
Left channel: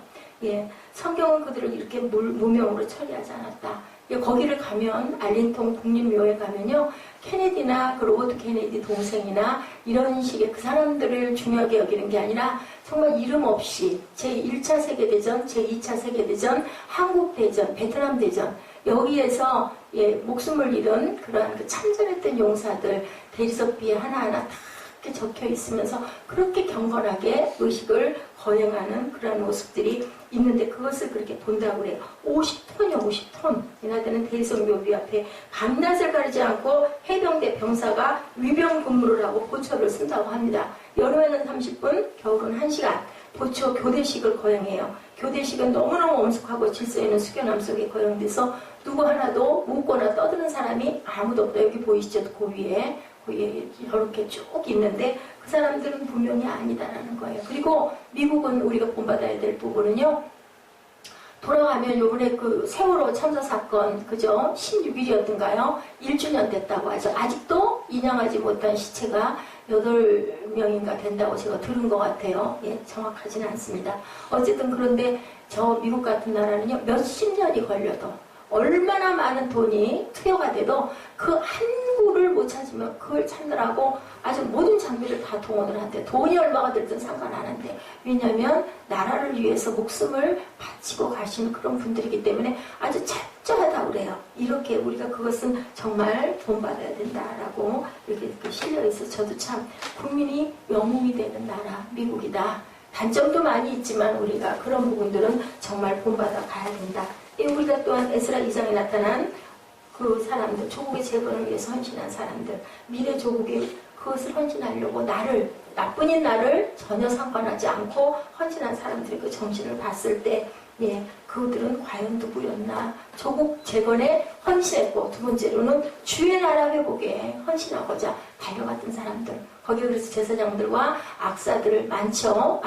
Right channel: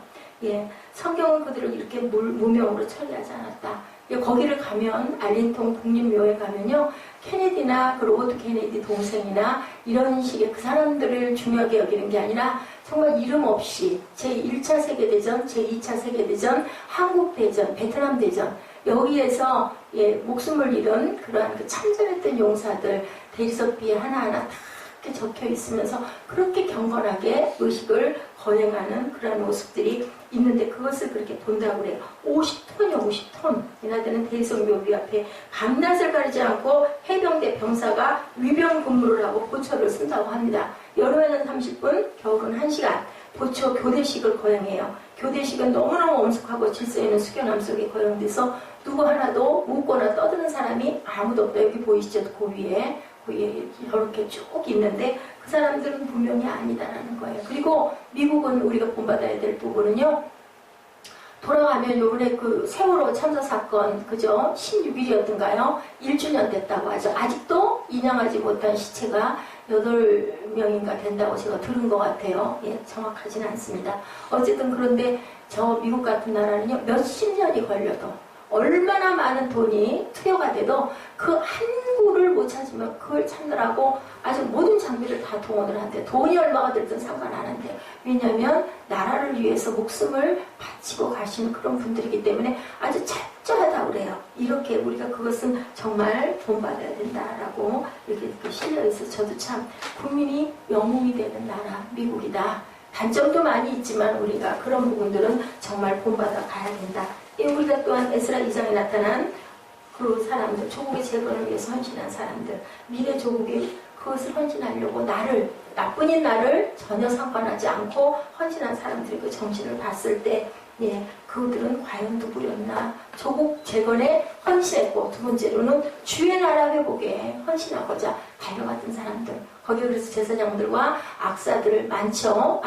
성경은 그들을 이렇게 무명으로 처리하지 않았다. 거기를 가면, 알린턴 국립묘에 가면요, 케네디나 그 로버트 케네디 동생이나 이런 식의 그 사람들을 중요하게 여기는 게 아니라 정말 이름 없이 제1차 세계대전, 제2차 세계대전, 한국대전, 베트남대전, 여기에서 목숨을 잃은 그러한 그 참전했던 용사들 대리석비에 하나하나 다 이렇게 적혀 있으면서 그렇게 경건하게 의식을 거행하는 그런 모습들이 있는데 그것을 그렇게 본다고 그래요. 50톤이요, 50톤. 이나들은 대리석 묘비 앞에 밤낮을 가리지 않고 해병대 병사가 위병 근무를 하고 보초를 쓴다고 합니다. 여름에는 30분, 겨울은 1시간. 보초 교대식을 거행해요. 교대식은 너무너무 엄숙하고 질서 있는 숙연함 속에 거행돼서 누구 하나도 묻거나 떠드는 사람이 아무도 없다. 여기 보이시죠? 그 위에 이렇게 쭉 있는데 그 사람들은 분명히 아니다라는 거예요. 그리고 미국은 우리가 본받아야 될 부분은요. 돌아가면 요번에 그 세월호 참사 사건 그죠? 16일이었던가요? 1주년 됐다고 하죠. 아직도 인양하지 못한 시체가 8명인가 된다고 제가 들은 것 같아요. 정확하지는 않습니다. 어쨌든 그런데 저 미국 같은 나라는요. 몇십 년이 걸려도 얼마나 많은 돈이 투여가 돼도 그 한 구를 못 찾으면 그걸 찾느라고 아주 모든 장비를 다 동원을 한대. 돈이 얼마가 들든 상관 안 한대. 왜냐하면 나라를 위해서 목숨을 바치고 가시는 그런 분들이기 때문에 아주 철저하다고 그래요. 이렇게 우리가 그것은 정말 본받아야 된다라고 이렇게 실려있어. 저도 참 국민이 영웅이 되는 나라 미국이다. 단점도 많이 있지만 우리가 그런 부분들은 정말 본받아 가야 된다. 우리가 또한 에스라 2장에 나타난 그 사람들, 조국의 재건을 위해서 헌신한 사람들, 미래 조국이 그것을 헌신하려고 나뿐인 나를 전혀 상관하지 않고 헌신한 사람들의 그 정신을 봤을 때, 그들은 과연 누구였나? 조국 재건에 헌신했고, 두 번째로는 주의 나라 회복에 헌신하고자 달려갔던 사람들. 거기 그래서 제사장들과 악사들 많죠.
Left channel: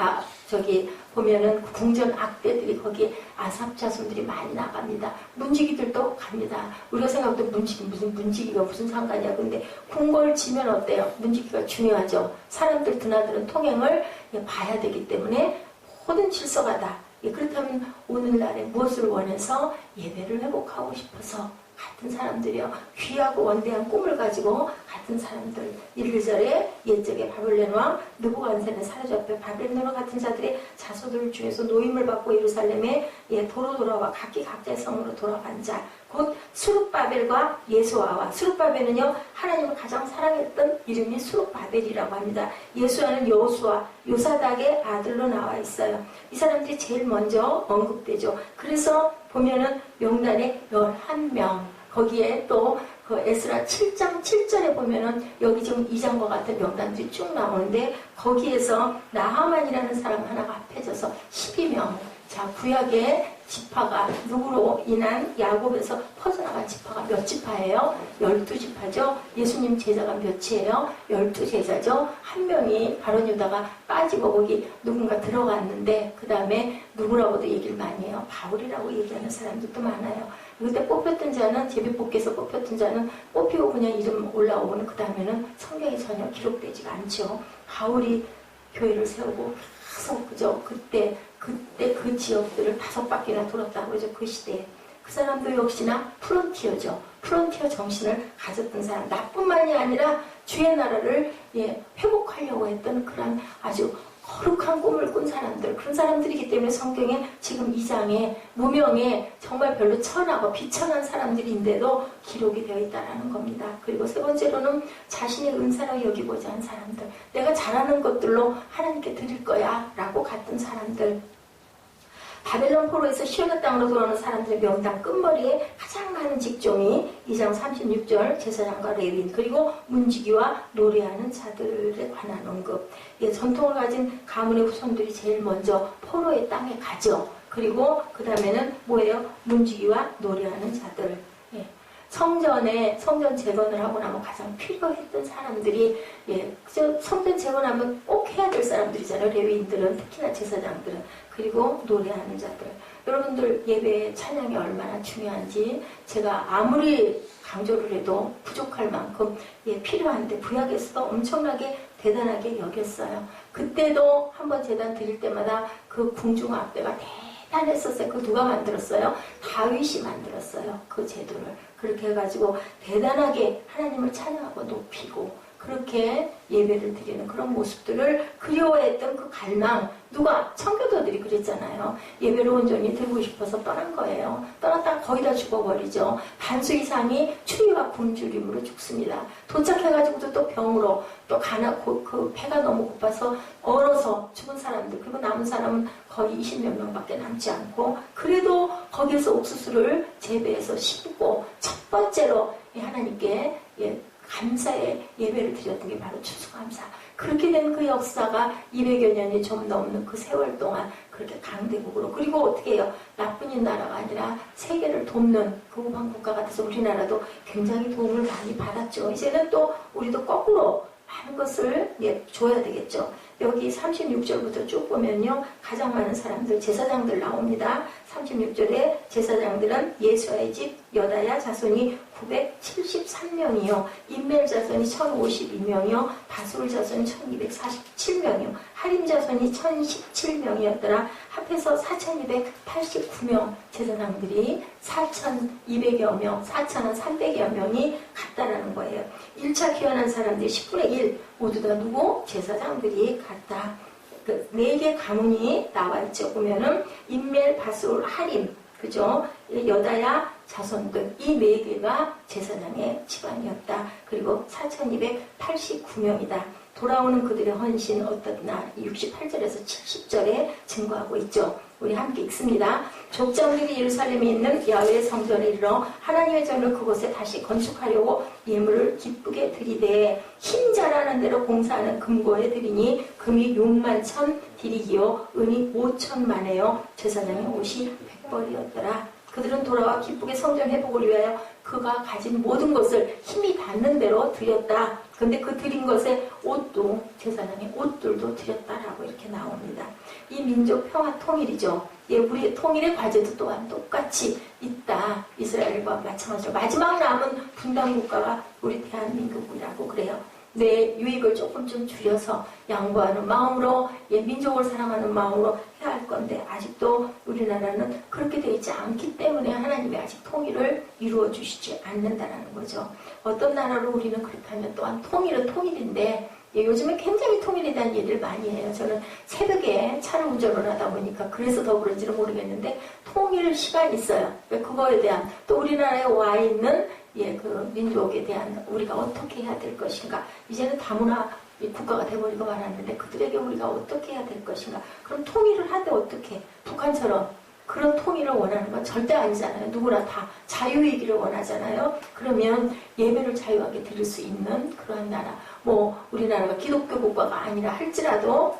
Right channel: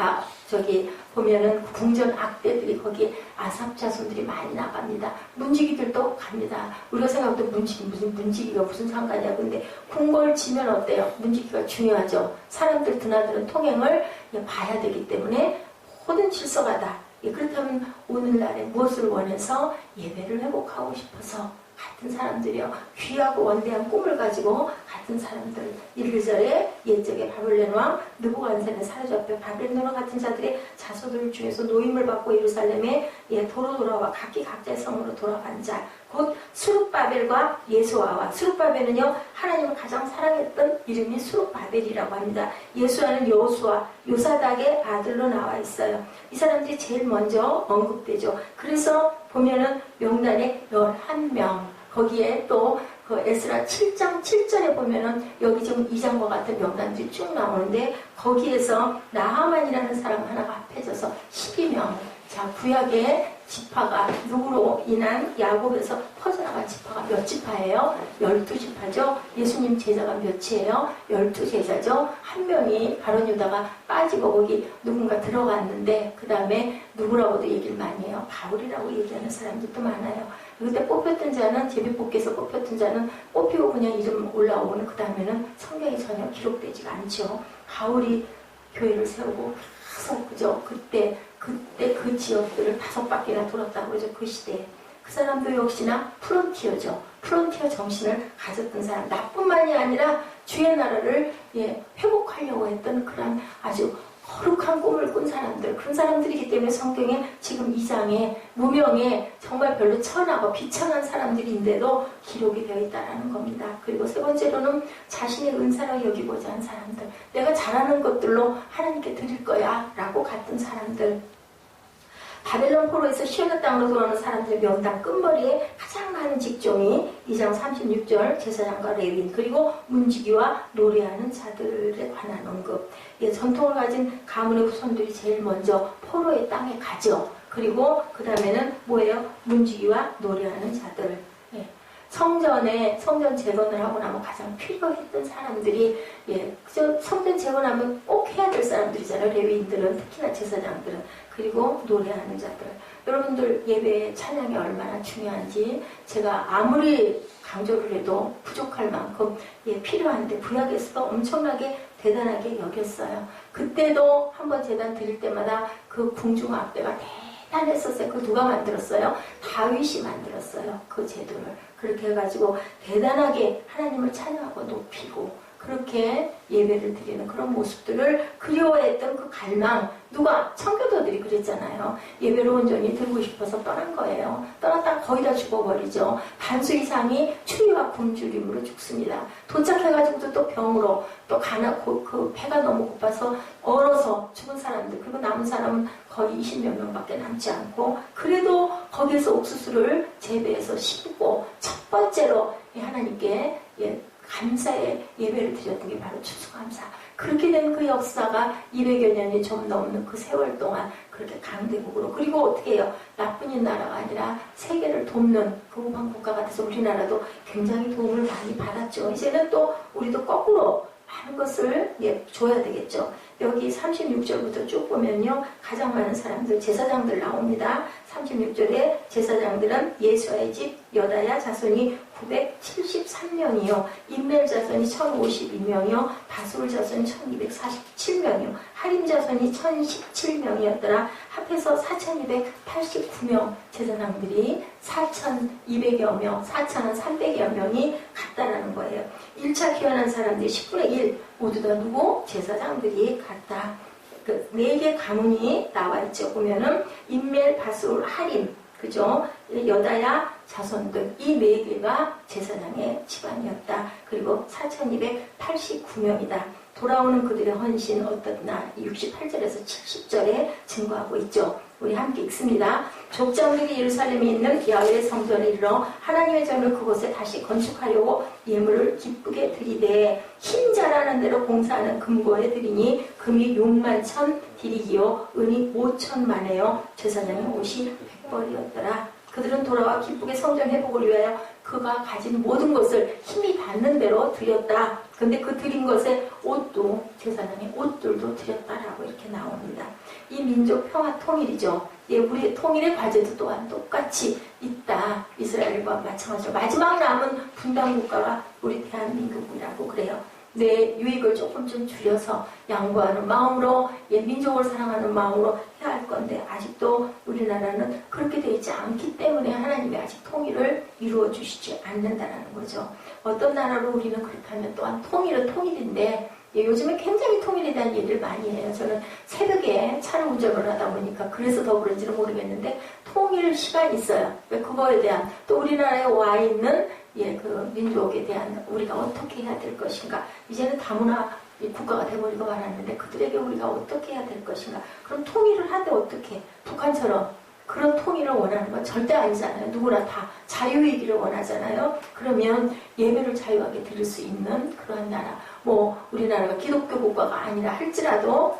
보면은 궁전 악대들이 거기 아삽 자손들이 많이 나갑니다. 문지기들도 갑니다. 우리가 생각해도 문지기가 무슨 상관이야. 근데 궁궐 지면 어때요? 문지기가 중요하죠. 사람들 드나드는 통행을 봐야 되기 때문에 모든 질서가 다. 그렇다면 오늘날에 무엇을 원해서 예배를 회복하고 싶어서 같은 사람들이요. 귀하고 원대한 꿈을 가지고 같은 사람들. 1절에 옛적에 바벨론 왕 느부갓네살의 사로잡혀 바벨론과 같은 자들의 자손들 중에서 노임을 받고 예루살렘에 도로 돌아와 각기 각자의 성으로 돌아간 자. 곧 스룹바벨과 예수아와. 스룹바벨은요. 하나님을 가장 사랑했던 이름이 스룹바벨이라고 합니다. 예수아는 여호수아, 요사닥의 아들로 나와 있어요. 이 사람들이 제일 먼저 언급되죠. 그래서 보면은 명단에 11명. 거기에 또 그 에스라 7장 7절에 보면은 여기 지금 2장과 같은 명단들이 쭉 나오는데 거기에서 나하만이라는 사람 하나가 합해져서 12명. 자, 구약의 지파가 누구로 인한 야곱에서 퍼져나간 지파가 몇 지파예요? 12지파죠. 예수님 제자가 몇이에요? 12제자죠. 한 명이 바론 유다가 빠지고 거기 누군가 들어갔는데 그 다음에 누구라고도 얘기를 많이 해요. 바울이라고 얘기하는 사람들도 많아요. 그때 뽑혔던 자는 제비뽑기에서 뽑혔던 자는 뽑히고 그냥 이름 올라오고는 그 다음에는 성경에 전혀 기록되지가 않죠. 바울이 교회를 세우고 계속 그죠. 그때 그 지역들을 5바퀴나 돌았다고 그러죠. 그 시대에. 그 사람도 역시나 프론티어죠. 프론티어 정신을 가졌던 사람. 나뿐만이 아니라 주의 나라를 회복하려고 했던 그런 아주 거룩한 꿈을 꾼 사람들. 그런 사람들이기 때문에 성경에 지금 2장에 무명에 정말 별로 천하고 비천한 사람들인데도 기록이 되어 있다는 겁니다. 그리고 세 번째로는 자신의 은사로 여기고자 한 사람들. 내가 잘하는 것들로 하나님께 드릴 거야 라고 갔던 사람들. 바벨론 포로에서 시온의 땅으로 돌아오는 사람들의 명단 끝머리에 가장 많은 직종이 2장 36절 제사장과 레위인 그리고 문지기와 노래하는 자들에 관한 언급. 전통을 가진 가문의 후손들이 제일 먼저 포로의 땅에 가죠. 그리고 그 다음에는 뭐예요? 문지기와 노래하는 자들. 성전 재건을 하고 나면 가장 필요했던 사람들이, 예, 그저 성전 재건하면 꼭 해야 될 사람들이잖아요. 레위인들은, 특히나 제사장들은. 그리고 노래하는 자들. 여러분들 예배의 찬양이 얼마나 중요한지 제가 아무리 강조를 해도 부족할 만큼, 예, 필요한데 구약에서도 엄청나게 대단하게 여겼어요. 그때도 한번 제단 드릴 때마다 그 궁중 앞대가 대단했었어요. 그 누가 만들었어요? 다윗이 만들었어요. 그 제도를. 그렇게 해가지고 대단하게 하나님을 찬양하고 높이고 그렇게 예배를 드리는 그런 모습들을 그리워했던 그 갈망, 누가? 청교도들이 그랬잖아요. 예배로 온전히 드리고 싶어서 떠난 거예요. 떠났다가 거의 다 죽어버리죠. 반수 이상이 추위와 굶주림으로 죽습니다. 도착해가지고도 또 병으로, 또 그 배가 너무 고파서 얼어서 죽은 사람들, 그리고 남은 사람은 거의 20몇 명밖에 남지 않고, 그래도 거기에서 옥수수를 재배해서 심고 첫 번째로 하나님께, 예, 감사의 예배를 드렸던 게 바로 추수감사. 그렇게 된 그 역사가 200여 년이 좀 넘는 그 세월 동안 그렇게 강대국으로, 그리고 어떻게 해요? 나뿐인 나라가 아니라 세계를 돕는 그 우방 국가가 돼서 우리나라도 굉장히 도움을 많이 받았죠. 이제는 또 우리도 거꾸로 많은 것을, 예, 줘야 되겠죠. 여기 36절부터 쭉 보면요, 가장 많은 사람들, 제사장들 나옵니다. 36절에 제사장들은 예수아의 집 여다야 자손이 973명이요, 인멜 자손이 1052명이요, 바술 자손이 1247명이요, 하림 자손이 1017명이었더라. 합해서 4289명 제사장들이 4200여 명, 4300여 명이 갔다라는 거예요. 1차 귀환한 사람들이 10분의 1 모두 다 누구? 제사장들이 갔다. 그 4개 가문이 나와 있죠. 보면은 인멜, 바술, 하림, 그죠? 여다야 자손들, 이 4개가 제사장의 집안이었다. 그리고 4289명이다. 돌아오는 그들의 헌신 어떻나 68절에서 70절에 증거하고 있죠. 우리 함께 읽습니다. 족장들이 예루살렘에 있는 야훼의 성전에 이르러 하나님의 전을 그곳에 다시 건축하려고 예물을 기쁘게 드리되 힘 잘하는 대로 공사하는 금고에 드리니 금이 61,000 디릭이요 은이 5,000만에요 제사장의 옷이 100벌이었더라. 그들은 돌아와 기쁘게 성전 회복을 위하여 그가 가진 모든 것을 힘이 닿는 대로 드렸다. 근데 그 드린 것에 옷도, 제사장의 옷들도 드렸다라고 이렇게 나옵니다. 이 민족 평화 통일이죠. 예, 우리의 통일의 과제도 또한 똑같이 있다. 이스라엘과 마찬가지로. 마지막 남은 분단 국가가 우리 대한민국이라고 그래요. 내 유익을 조금 좀 줄여서 양보하는 마음으로, 예, 민족을 사랑하는 마음으로 해야 할 건데 아직도 우리나라는 그렇게 되어 있지 않기 때문에 하나님이 아직 통일을 이루어 주시지 않는다는 거죠. 어떤 나라로 우리는 그렇다면 또한 통일은 통일인데, 예, 요즘에 굉장히 통일에 대한 얘기를 많이 해요. 저는 새벽에 차를 운전을 하다 보니까 그래서 더 그런지는 모르겠는데 통일 시간이 있어요. 그거에 대한, 또 우리나라에 와 있는, 예, 그 민족에 대한 우리가 어떻게 해야 될 것인가. 이제는 다문화 국가가 돼버리고 말았는데 그들에게 우리가 어떻게 해야 될 것인가. 그럼 통일을 하되 어떻게, 북한처럼 그런 통일을 원하는 건 절대 아니잖아요. 누구나 다 자유이기를 원하잖아요. 그러면 예배를 자유하게 드릴 수 있는 그러한 나라, 뭐 우리나라가 기독교 국가가 아니라 할지라도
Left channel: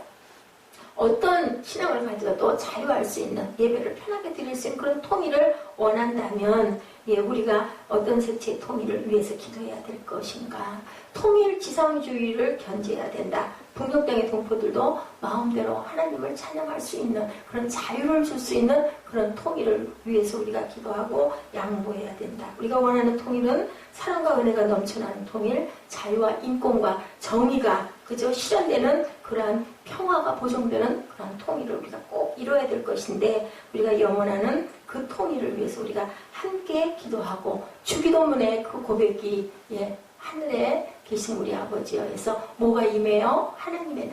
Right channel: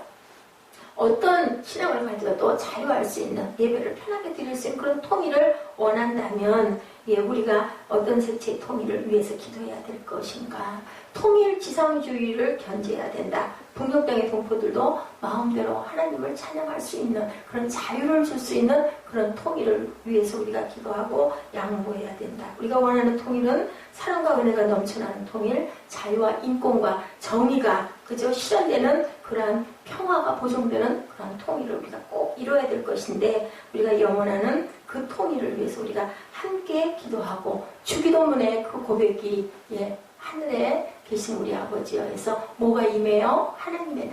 어떤 신앙을 가지고도 자유할 수 있는, 예배를 편하게 드릴 수 있는 그런 통일을 원한다면, 예, 우리가 어떤 색채의 통일을 위해서 기도해야 될 것인가. 통일 지상주의를 견제해야 된다. 북녘 땅의 동포들도 마음대로 하나님을 찬양할 수 있는 그런 자유를 줄 수 있는 그런 통일을 위해서 우리가 기도하고 양보해야 된다. 우리가 원하는 통일은 사랑과 은혜가 넘쳐나는 통일, 자유와 인권과 정의가 그저 실현되는 그러한 평화가 보존되는 그런 통일을 우리가 꼭 이뤄야 될 것인데, 우리가 영원하는 그 통일을 위해서 우리가 함께 기도하고, 주기도문의 그 고백이, 예, 하늘에 계신 우리 아버지여 해서 뭐가 임해요? 하나님의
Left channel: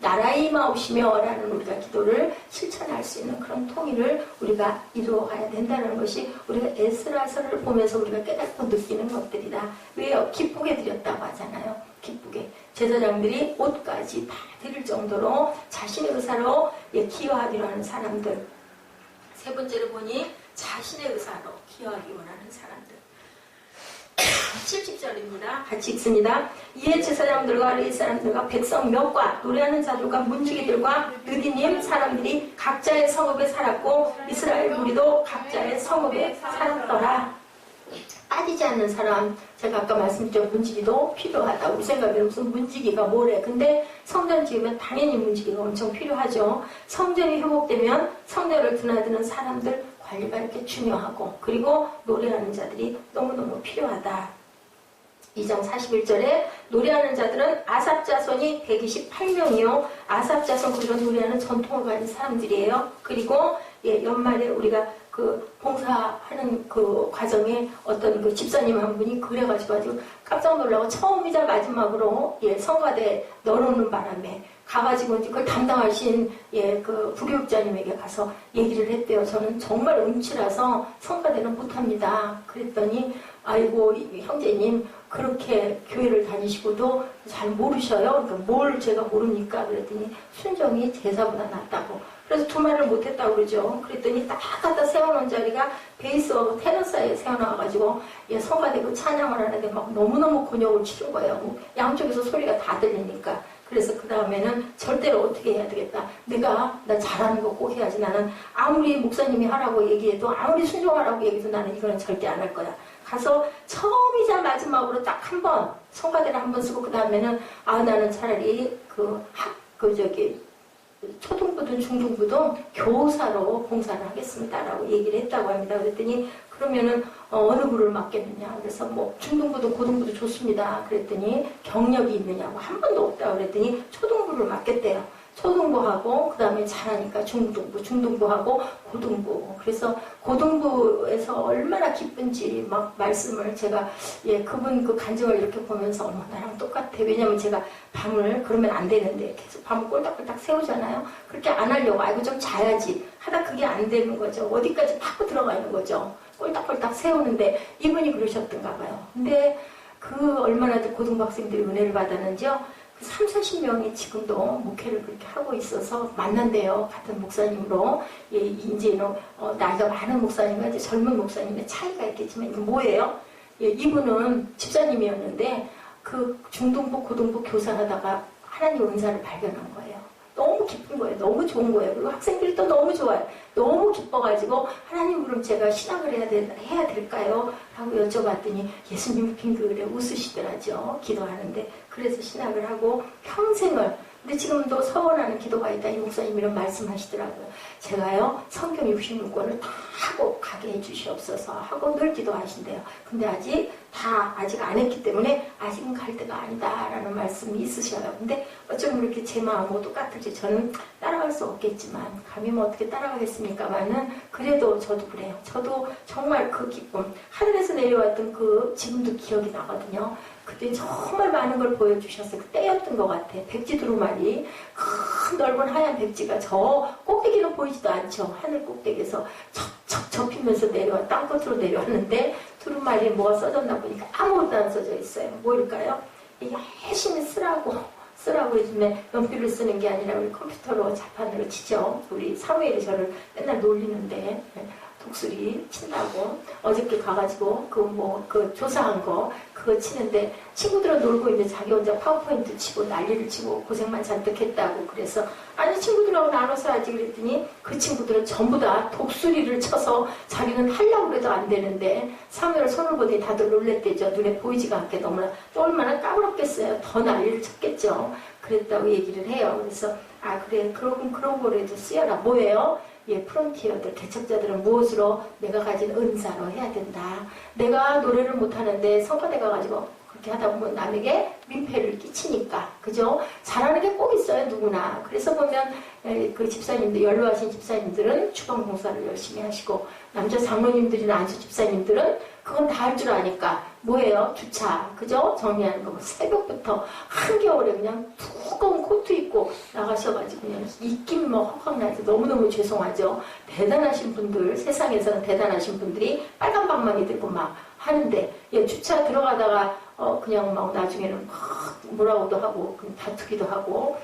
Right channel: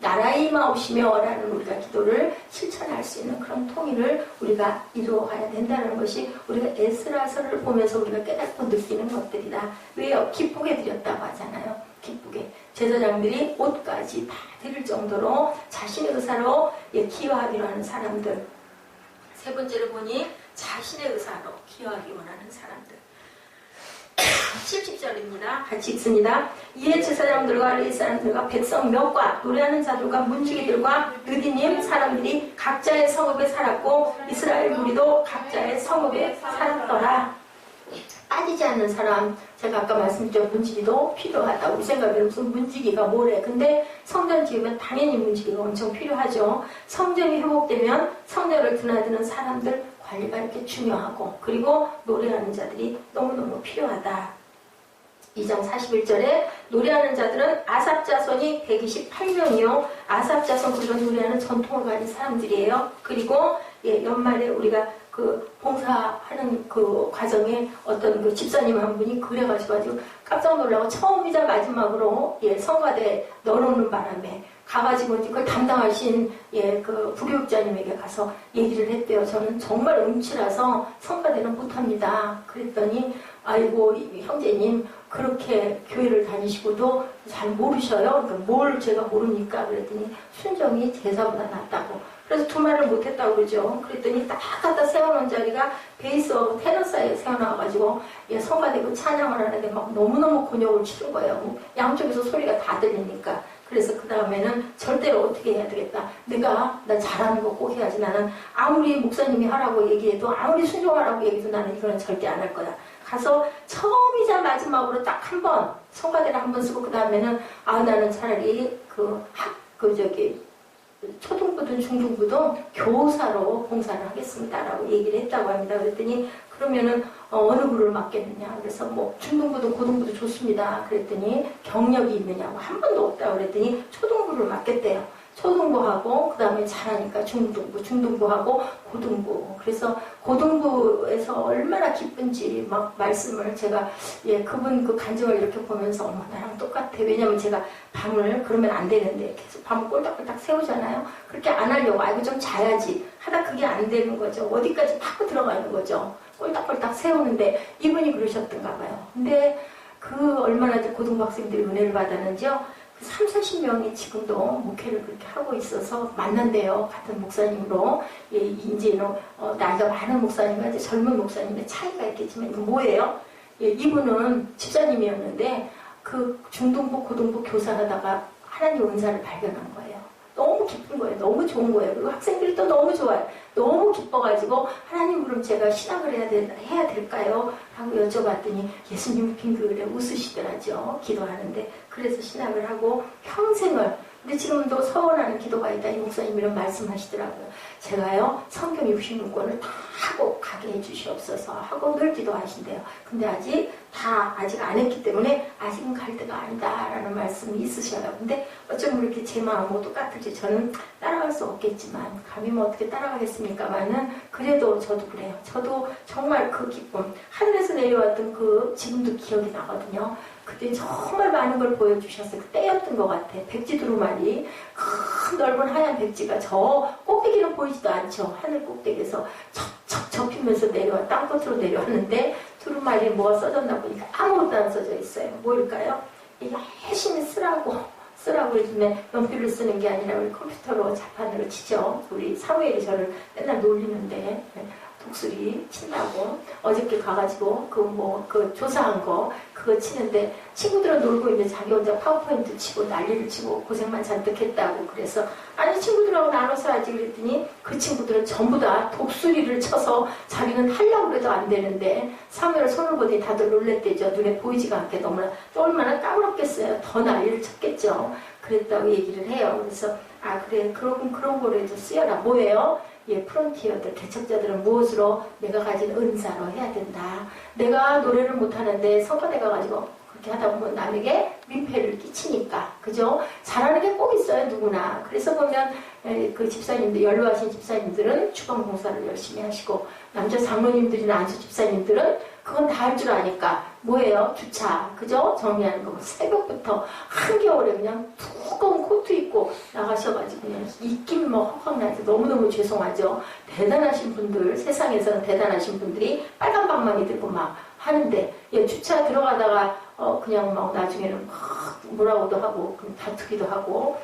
나라에 임하옵시며 라는 우리가 기도를 실천할 수 있는 그런 통일을 우리가 이루어가야 된다는 것이 우리가 에스라서를 보면서 우리가 깨닫고 느끼는 것들이다. 왜요? 기쁘게 드렸다고 하잖아요. 기쁘게. 제사장들이 옷까지 다 드릴 정도로 자신의 의사로, 예, 기여하기로 하는 사람들. 세 번째로 보니 자신의 의사로 기여하기 원하는 사람들. 70절입니다. 같이 읽습니다. 이에 제사장들과 레위 사람들과 백성 몇과 노래하는 자들과 문지기들과 느디님 사람들이 각자의 성읍에 살았고 이스라엘 무리도 각자의 성읍에 살았더라. 빠지지 않는 사람, 제가 아까 말씀드렸죠. 문지기도 필요하다. 우리 생각에는 무슨 문지기가 뭐래. 근데 성전 지으면 당연히 문지기가 엄청 필요하죠. 성전이 회복되면 성전을 드나드는 사람들 관리가 이렇게 중요하고, 그리고 노래하는 자들이 너무너무 필요하다. 2장 41절에 노래하는 자들은 아삽 자손이 128명이요. 아삽 자손, 그런 노래하는 전통을 가진 사람들이에요. 그리고 연말에 우리가 그 봉사하는 그 과정에 어떤 그 집사님 한 분이 그래가지고 깜짝 놀라고 처음이자 마지막으로 성가대 넣어놓는 바람에 가가지고 그걸 담당하신 그 부교육자님에게 가서 얘기를 했대요. 저는 정말 음치라서 성가대는 못합니다. 그랬더니 아이고 형제님 그렇게 교회를 다니시고도 잘 모르셔요. 그러니까 뭘 제가 모릅니까? 그랬더니 순정이 제사보다 낫다고. 그래서 두말을 못했다고 그러죠. 그랬더니 딱 갖다 세워놓은 자리가 베이스하고 테너 사이에 세워놔가지고 성가대 그 찬양을 하는데 막 너무너무 곤욕을 치른 거예요. 양쪽에서 소리가 다 들리니까. 그래서 그 다음에는 절대로 어떻게 해야 되겠다. 나 잘하는 거 꼭 해야지. 나는 아무리 목사님이 하라고 얘기해도 아무리 순종하라고 얘기해도 나는 이거는 절대 안 할 거야. 가서 처음이자 마지막으로 딱 한 번 성가대를 한 번 쓰고 그 다음에는 나는 차라리 초등부든 중등부든 교사로 봉사를 하겠습니다라고 얘기를 했다고 합니다. 그랬더니 그러면은 어느 부를 맡겠느냐. 그래서 뭐 중등부든 고등부도 좋습니다. 그랬더니 경력이 있느냐고 한 번도 없다고 그랬더니 초등부를 맡겠대요. 초등부하고 그 다음에 잘하니까 중등부, 중등부하고 고등부. 그래서 고등부에서 얼마나 기쁜지 막 말씀을 제가 그분 그 간증을 이렇게 보면서 어머 나랑 똑같아. 왜냐면 제가 밤을 그러면 안 되는데 계속 밤을 꼴딱꼴딱 세우잖아요. 그렇게 안 하려고 아이고 좀 자야지 하다 그게 안 되는 거죠. 어디까지 파고 들어가는 거죠. 꼴딱꼴딱 세우는데 이분이 그러셨던가 봐요. 근데 그 얼마나 고등부 학생들이 은혜를 받았는지요. 30-40명이 지금도 목회를 그렇게 하고 있어서 만난대요. 같은 목사님으로. 이제는 나이가 많은 목사님과 이제 젊은 목사님의 차이가 있겠지만 이거 뭐예요? 이분은 집사님이었는데 그 중등부, 고등부 교사하다가 하나님 은사를 발견한 거예요. 너무 기쁜 거예요. 너무 좋은 거예요. 그리고 학생들이 또 너무 좋아요. 너무 기뻐가지고 하나님 그럼 제가 신학을 해야 될까요? 하고 여쭤봤더니 예수님이 빙글에 웃으시더라죠. 기도하는데. 그래서 신학을 하고 평생을. 근데 지금도 서원하는 기도가 있다. 이 목사님 이런 말씀하시더라고요. 제가요 성경 66권을 다 하고 가게 해주시옵소서 하고 늘 기도하신대요. 근데 아직 안 했기 때문에 아직은 갈 때가 아니다라는 말씀이 있으셔요. 근데 어쩌면 이렇게 제 마음하고 똑같을지 저는 따라갈 수 없겠지만 감히 뭐 어떻게 따라가겠습니까만은 그래도 저도 그래요. 저도 정말 그 기쁨 하늘에서 내려왔던 그 지금도 기억이 나거든요. 그때 정말 많은 걸 보여주셨어요. 그때였던 것 같아. 백지 두루마리 큰 넓은 하얀 백지가 저 꼭대기는 보이지도 않죠. 하늘 꼭대기에서 척척 접히면서 땅끝으로 내려왔는데 두루마리에 뭐가 써졌나 보니까 아무것도 안 써져 있어요. 뭐일까요? 이게 열심히 쓰라고 요즘에 연필을 쓰는 게 아니라 우리 컴퓨터로 자판으로 치죠. 우리 사무엘이 저를 맨날 놀리는데 독수리 친다고 어저께 가가지고 그 조사한 거 그거 치는데 친구들은 놀고 있는데 자기 혼자 파워포인트 치고 난리를 치고 고생만 잔뜩 했다고. 그래서 아니 친구들하고 나눠서 하지 그랬더니 그 친구들은 전부 다 독수리를 쳐서 자기는 하려고 해도 안 되는데 사무엘 손을 보더니 다들 놀랬대죠. 눈에 보이지가 않게 너무나 또 얼마나 까무럽겠어요. 더 난리를 쳤겠죠. 그랬다고 얘기를 해요. 그래서 그래 그런 거라도 쓰여라. 뭐예요? 프론티어들, 개척자들은 무엇으로 내가 가진 은사로 해야 된다. 내가 노래를 못하는데 성가대 가가지고 그렇게 하다 보면 남에게 민폐를 끼치니까. 그죠? 잘하는 게 꼭 있어요, 누구나. 그래서 보면 그 집사님들, 연로하신 집사님들은 주방 봉사를 열심히 하시고 남자 장로님들이나 안수 집사님들은 그건 다 할 줄 아니까 뭐예요? 주차, 그죠? 정리하는 거. 새벽부터 한겨울에 그냥 두꺼운 코트 입고 나가셔가지고 그냥 입김 헉헉나서 너무너무 죄송하죠. 대단하신 분들, 세상에서는 대단하신 분들이 빨간 방망이 들고 막 하는데 주차 들어가다가 그냥 막 나중에는 막 뭐라고도 하고 다투기도 하고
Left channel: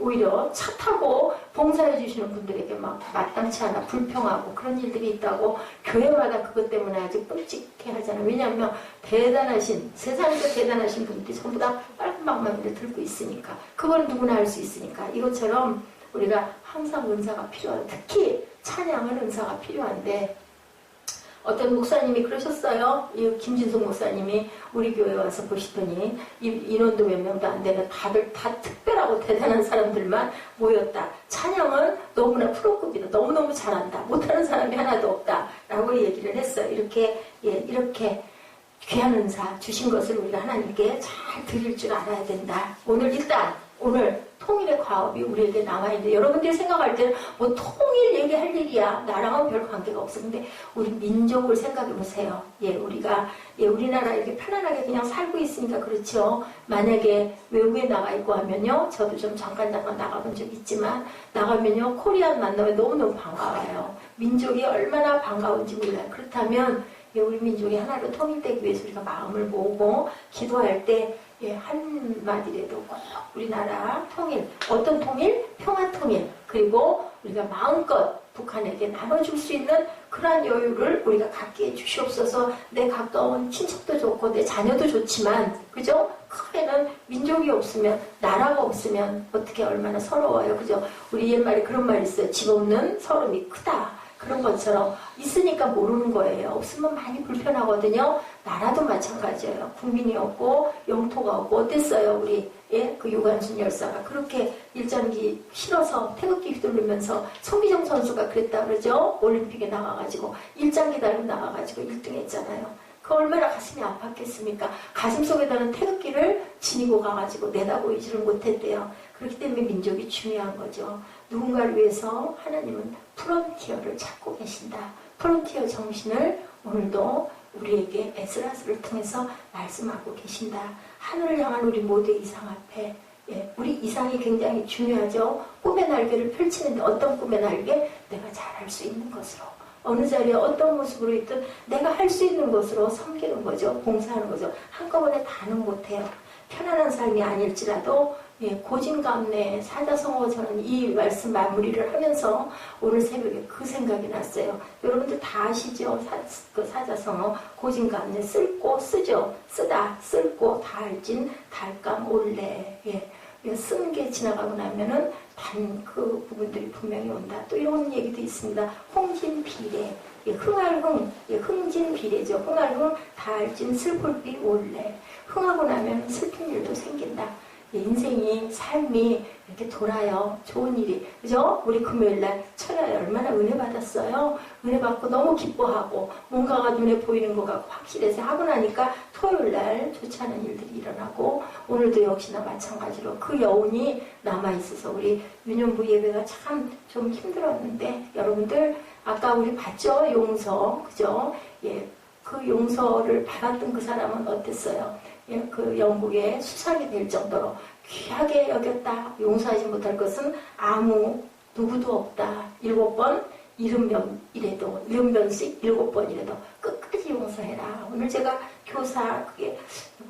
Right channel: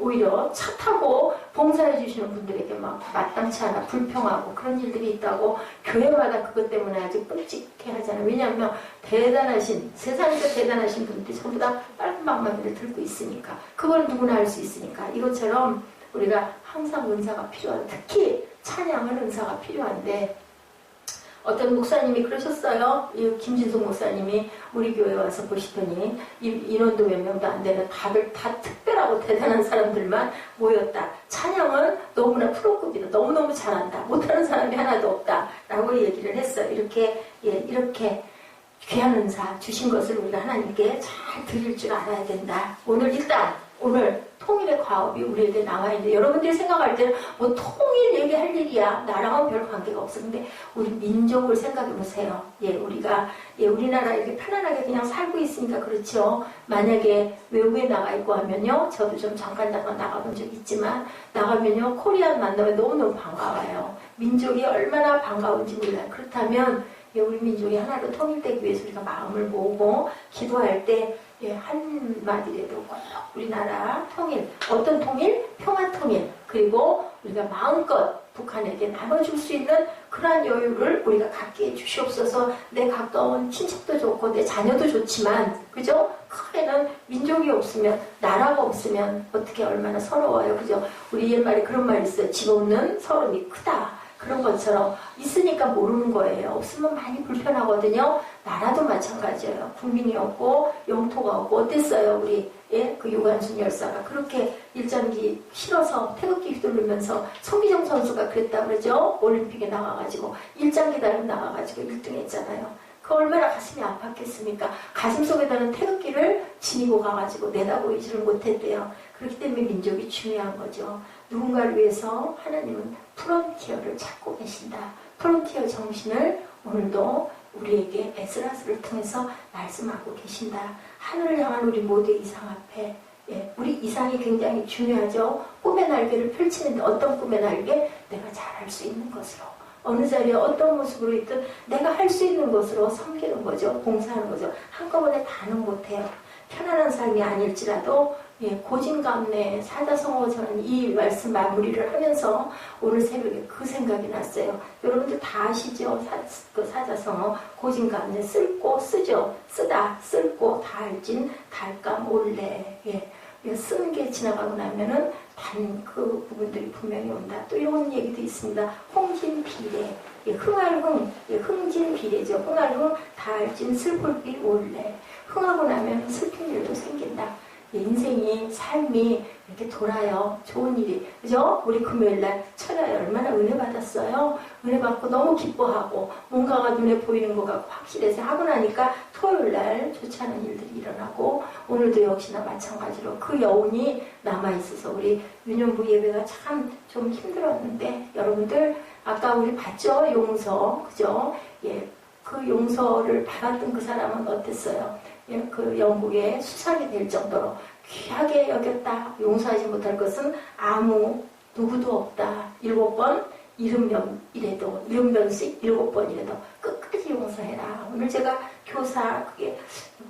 오히려 차 타고 봉사해 주시는 분들에게 막 마땅치 않아 불평하고 그런 일들이 있다고 교회마다 그것 때문에 아주 끔찍해 하잖아요. 왜냐하면 세상에서 대단하신 분들이 전부 다 빨간 방망이를 들고 있으니까 그걸 누구나 할 수 있으니까 이것처럼 우리가 항상 은사가 필요하다. 특히 찬양은 은사가 필요한데 어떤 목사님이 그러셨어요. 이 김진숙 목사님이 우리 교회 와서 보시더니 인원도 몇 명도 안 되는 다들 다 특별하고 대단한 사람들만 모였다. 찬양은 너무나 프로급이다. 너무너무 잘한다. 못하는 사람이 하나도 없다. 라고 얘기를 했어요. 이렇게 귀한 은사 주신 것을 우리가 하나님께 잘 드릴 줄 알아야 된다. 오늘 통일의 과업이 우리에게 남아있는데 여러분들이 생각할 때는 뭐 통일 얘기할 일이야. 나랑은 별 관계가 없어. 근데 우리 민족을 생각해 보세요. 우리나라 이렇게 편안하게 그냥 살고 있으니까 그렇죠. 만약에 외국에 나가 있고 하면요. 저도 좀 잠깐 나가본 적 있지만 나가면요. 코리안 만나면 너무너무 반가워요. 민족이 얼마나 반가운지 몰라요. 그렇다면 우리 민족이 하나로 통일되기 위해서 우리가 마음을 모으고 기도할 때 한마디라도 꼭 우리나라 통일, 어떤 통일? 평화 통일. 그리고 우리가 마음껏 북한에게 나눠줄 수 있는 그러한 여유를 우리가 갖게 해주시옵소서. 내 가까운 친척도 좋고 내 자녀도 좋지만 그죠? 크게는 민족이 없으면 나라가 없으면 어떻게 얼마나 서러워요. 그죠? 우리 옛말에 그런 말이 있어요. 집 없는 서름이 크다. 그런 것처럼 있으니까 모르는 거예요. 없으면 많이 불편하거든요. 나라도 마찬가지예요. 국민이 없고 영토가 없고 어땠어요? 우리 그 유관순 열사가 그렇게 일장기 실어서 태극기 휘두르면서 손기정 선수가 그랬다 그러죠. 올림픽에 나가가지고 일장기 달고 나가가지고 1등 했잖아요. 그 얼마나 가슴이 아팠겠습니까? 가슴 속에다는 태극기를 지니고 가가지고 내다보이지를 못했대요. 그렇기 때문에 민족이 중요한 거죠. 누군가를 위해서 하나님은 프론티어를 찾고 계신다. 프론티어 정신을 오늘도 우리에게 에스라스를 통해서 말씀하고 계신다. 하늘을 향한 우리 모두의 이상 앞에 우리 이상이 굉장히 중요하죠. 꿈의 날개를 펼치는데 어떤 꿈의 날개? 내가 잘할 수 있는 것으로. 어느 자리에 어떤 모습으로 있든 내가 할 수 있는 것으로 섬기는 거죠. 봉사하는 거죠. 한꺼번에 다는 못해요. 편안한 삶이 아닐지라도 고진감래 사자성어 저는 이 말씀 마무리를 하면서 오늘 새벽에 그 생각이 났어요. 여러분들 다 아시죠? 그 사자성어 고진감래 쓸고 쓰죠. 쓰다 쓸고 달진 달감 올래. 쓰는 게 지나가고 나면은 단 그 부분들이 분명히 온다. 또 이런 얘기도 있습니다. 홍진비례, 흥할흥, 흥진비례죠. 흥할흥, 달진 슬플비 올래. 흥하고 나면 슬픈 일도 생긴다. 인생이 삶이 이렇게 돌아요. 좋은 일이 그죠? 우리 금요일날 철야에 얼마나 은혜 받았어요. 은혜 받고 너무 기뻐하고 뭔가가 눈에 보이는 것 같고 확실해서 하고 나니까 토요일날 좋지 않은 일들이 일어나고 오늘도 역시나 마찬가지로 그 여운이 남아있어서 우리 유년부 예배가 참 좀 힘들었는데 여러분들 아까 우리 봤죠? 용서 그죠? 그 용서를 받았던 그 사람은 어땠어요? 그 영국에 수상이 될 정도로 귀하게 여겼다. 용서하지 못할 것은 아무 누구도 없다. 7번 70번씩 7번이라도 끝까지 용서해라. 오늘 제가 교사 그게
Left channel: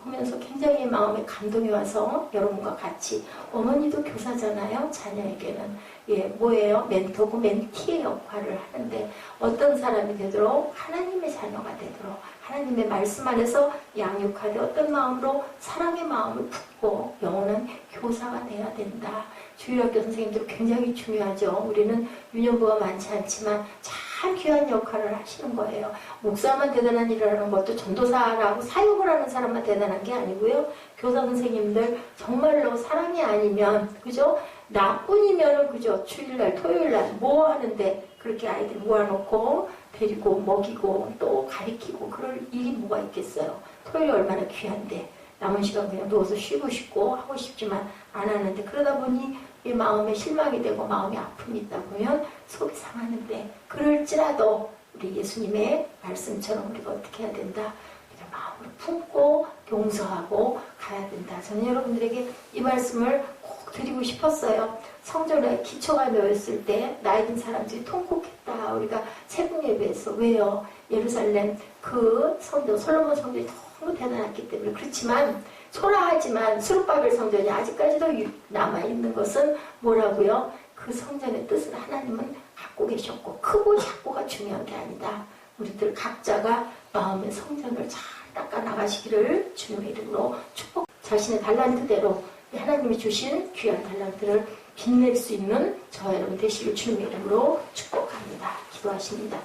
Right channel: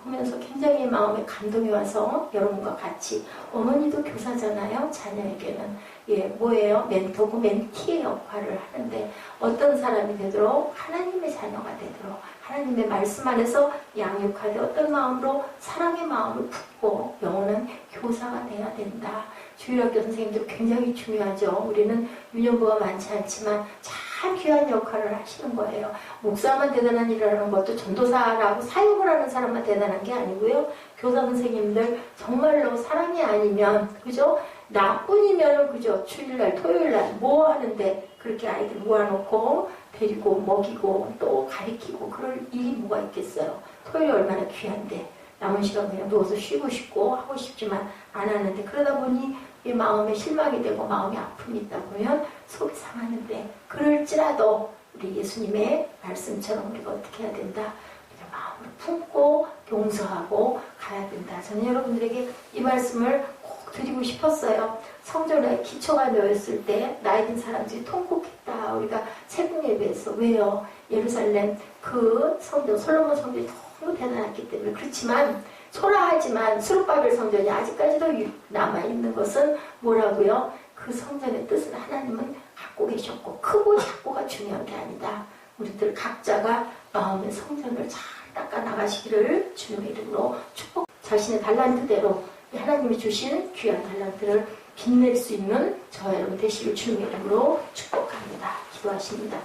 보면서 굉장히 마음에 감동이 와서 여러분과 같이 어머니도 교사잖아요. 자녀에게는 뭐예요? 멘토고 멘티의 역할을 하는데 어떤 사람이 되도록 하나님의 자녀가 되도록 하나님의 말씀 안에서 양육하되 어떤 마음으로 사랑의 마음을 품고 영원한 교사가 돼야 된다. 주일학교 선생님들 굉장히 중요하죠. 우리는 유년부가 많지 않지만 참 귀한 역할을 하시는 거예요. 목사만 대단한 일을 하는 것도 전도사라고 사역을 하는 사람만 대단한 게 아니고요. 교사 선생님들 정말로 사랑이 아니면 그죠? 나뿐이면 그죠? 주일날 토요일날 뭐 하는데 그렇게 아이들 모아놓고 데리고 먹이고 또 가리키고 그럴 일이 뭐가 있겠어요. 토요일이 얼마나 귀한데 남은 시간 그냥 누워서 쉬고 싶고 하고 싶지만 안 하는데 그러다 보니 이 마음에 실망이 되고 마음이 아픔이 있다 보면 속이 상하는데 그럴지라도 우리 예수님의 말씀처럼 우리가 어떻게 해야 된다? 우리가 마음으로 품고 용서하고 가야 된다. 저는 여러분들에게 이 말씀을 꼭 드리고 싶었어요. 성전에 기초가 놓였을 때 나이 든 사람들이 통곡했다. 우리가 새벽 예배에서 왜요? 예루살렘 그 성전 솔로몬 성전이 너무 대단했기 때문에 그렇지만 초라하지만 수룹바벨 성전이 아직까지도 남아있는 것은 뭐라고요? 그 성전의 뜻은 하나님은 갖고 계셨고 크고 작고가 중요한 게 아니다. 우리들 각자가 마음의 성전을 잘 닦아 나가시기를 주님의 이름으로 축복. 자신의 달란트대로 하나님이 주신 귀한 달란트를 빛낼 수 있는 저와 여러분 되시길 주님의 이름으로 축복합니다. 기도하십니다.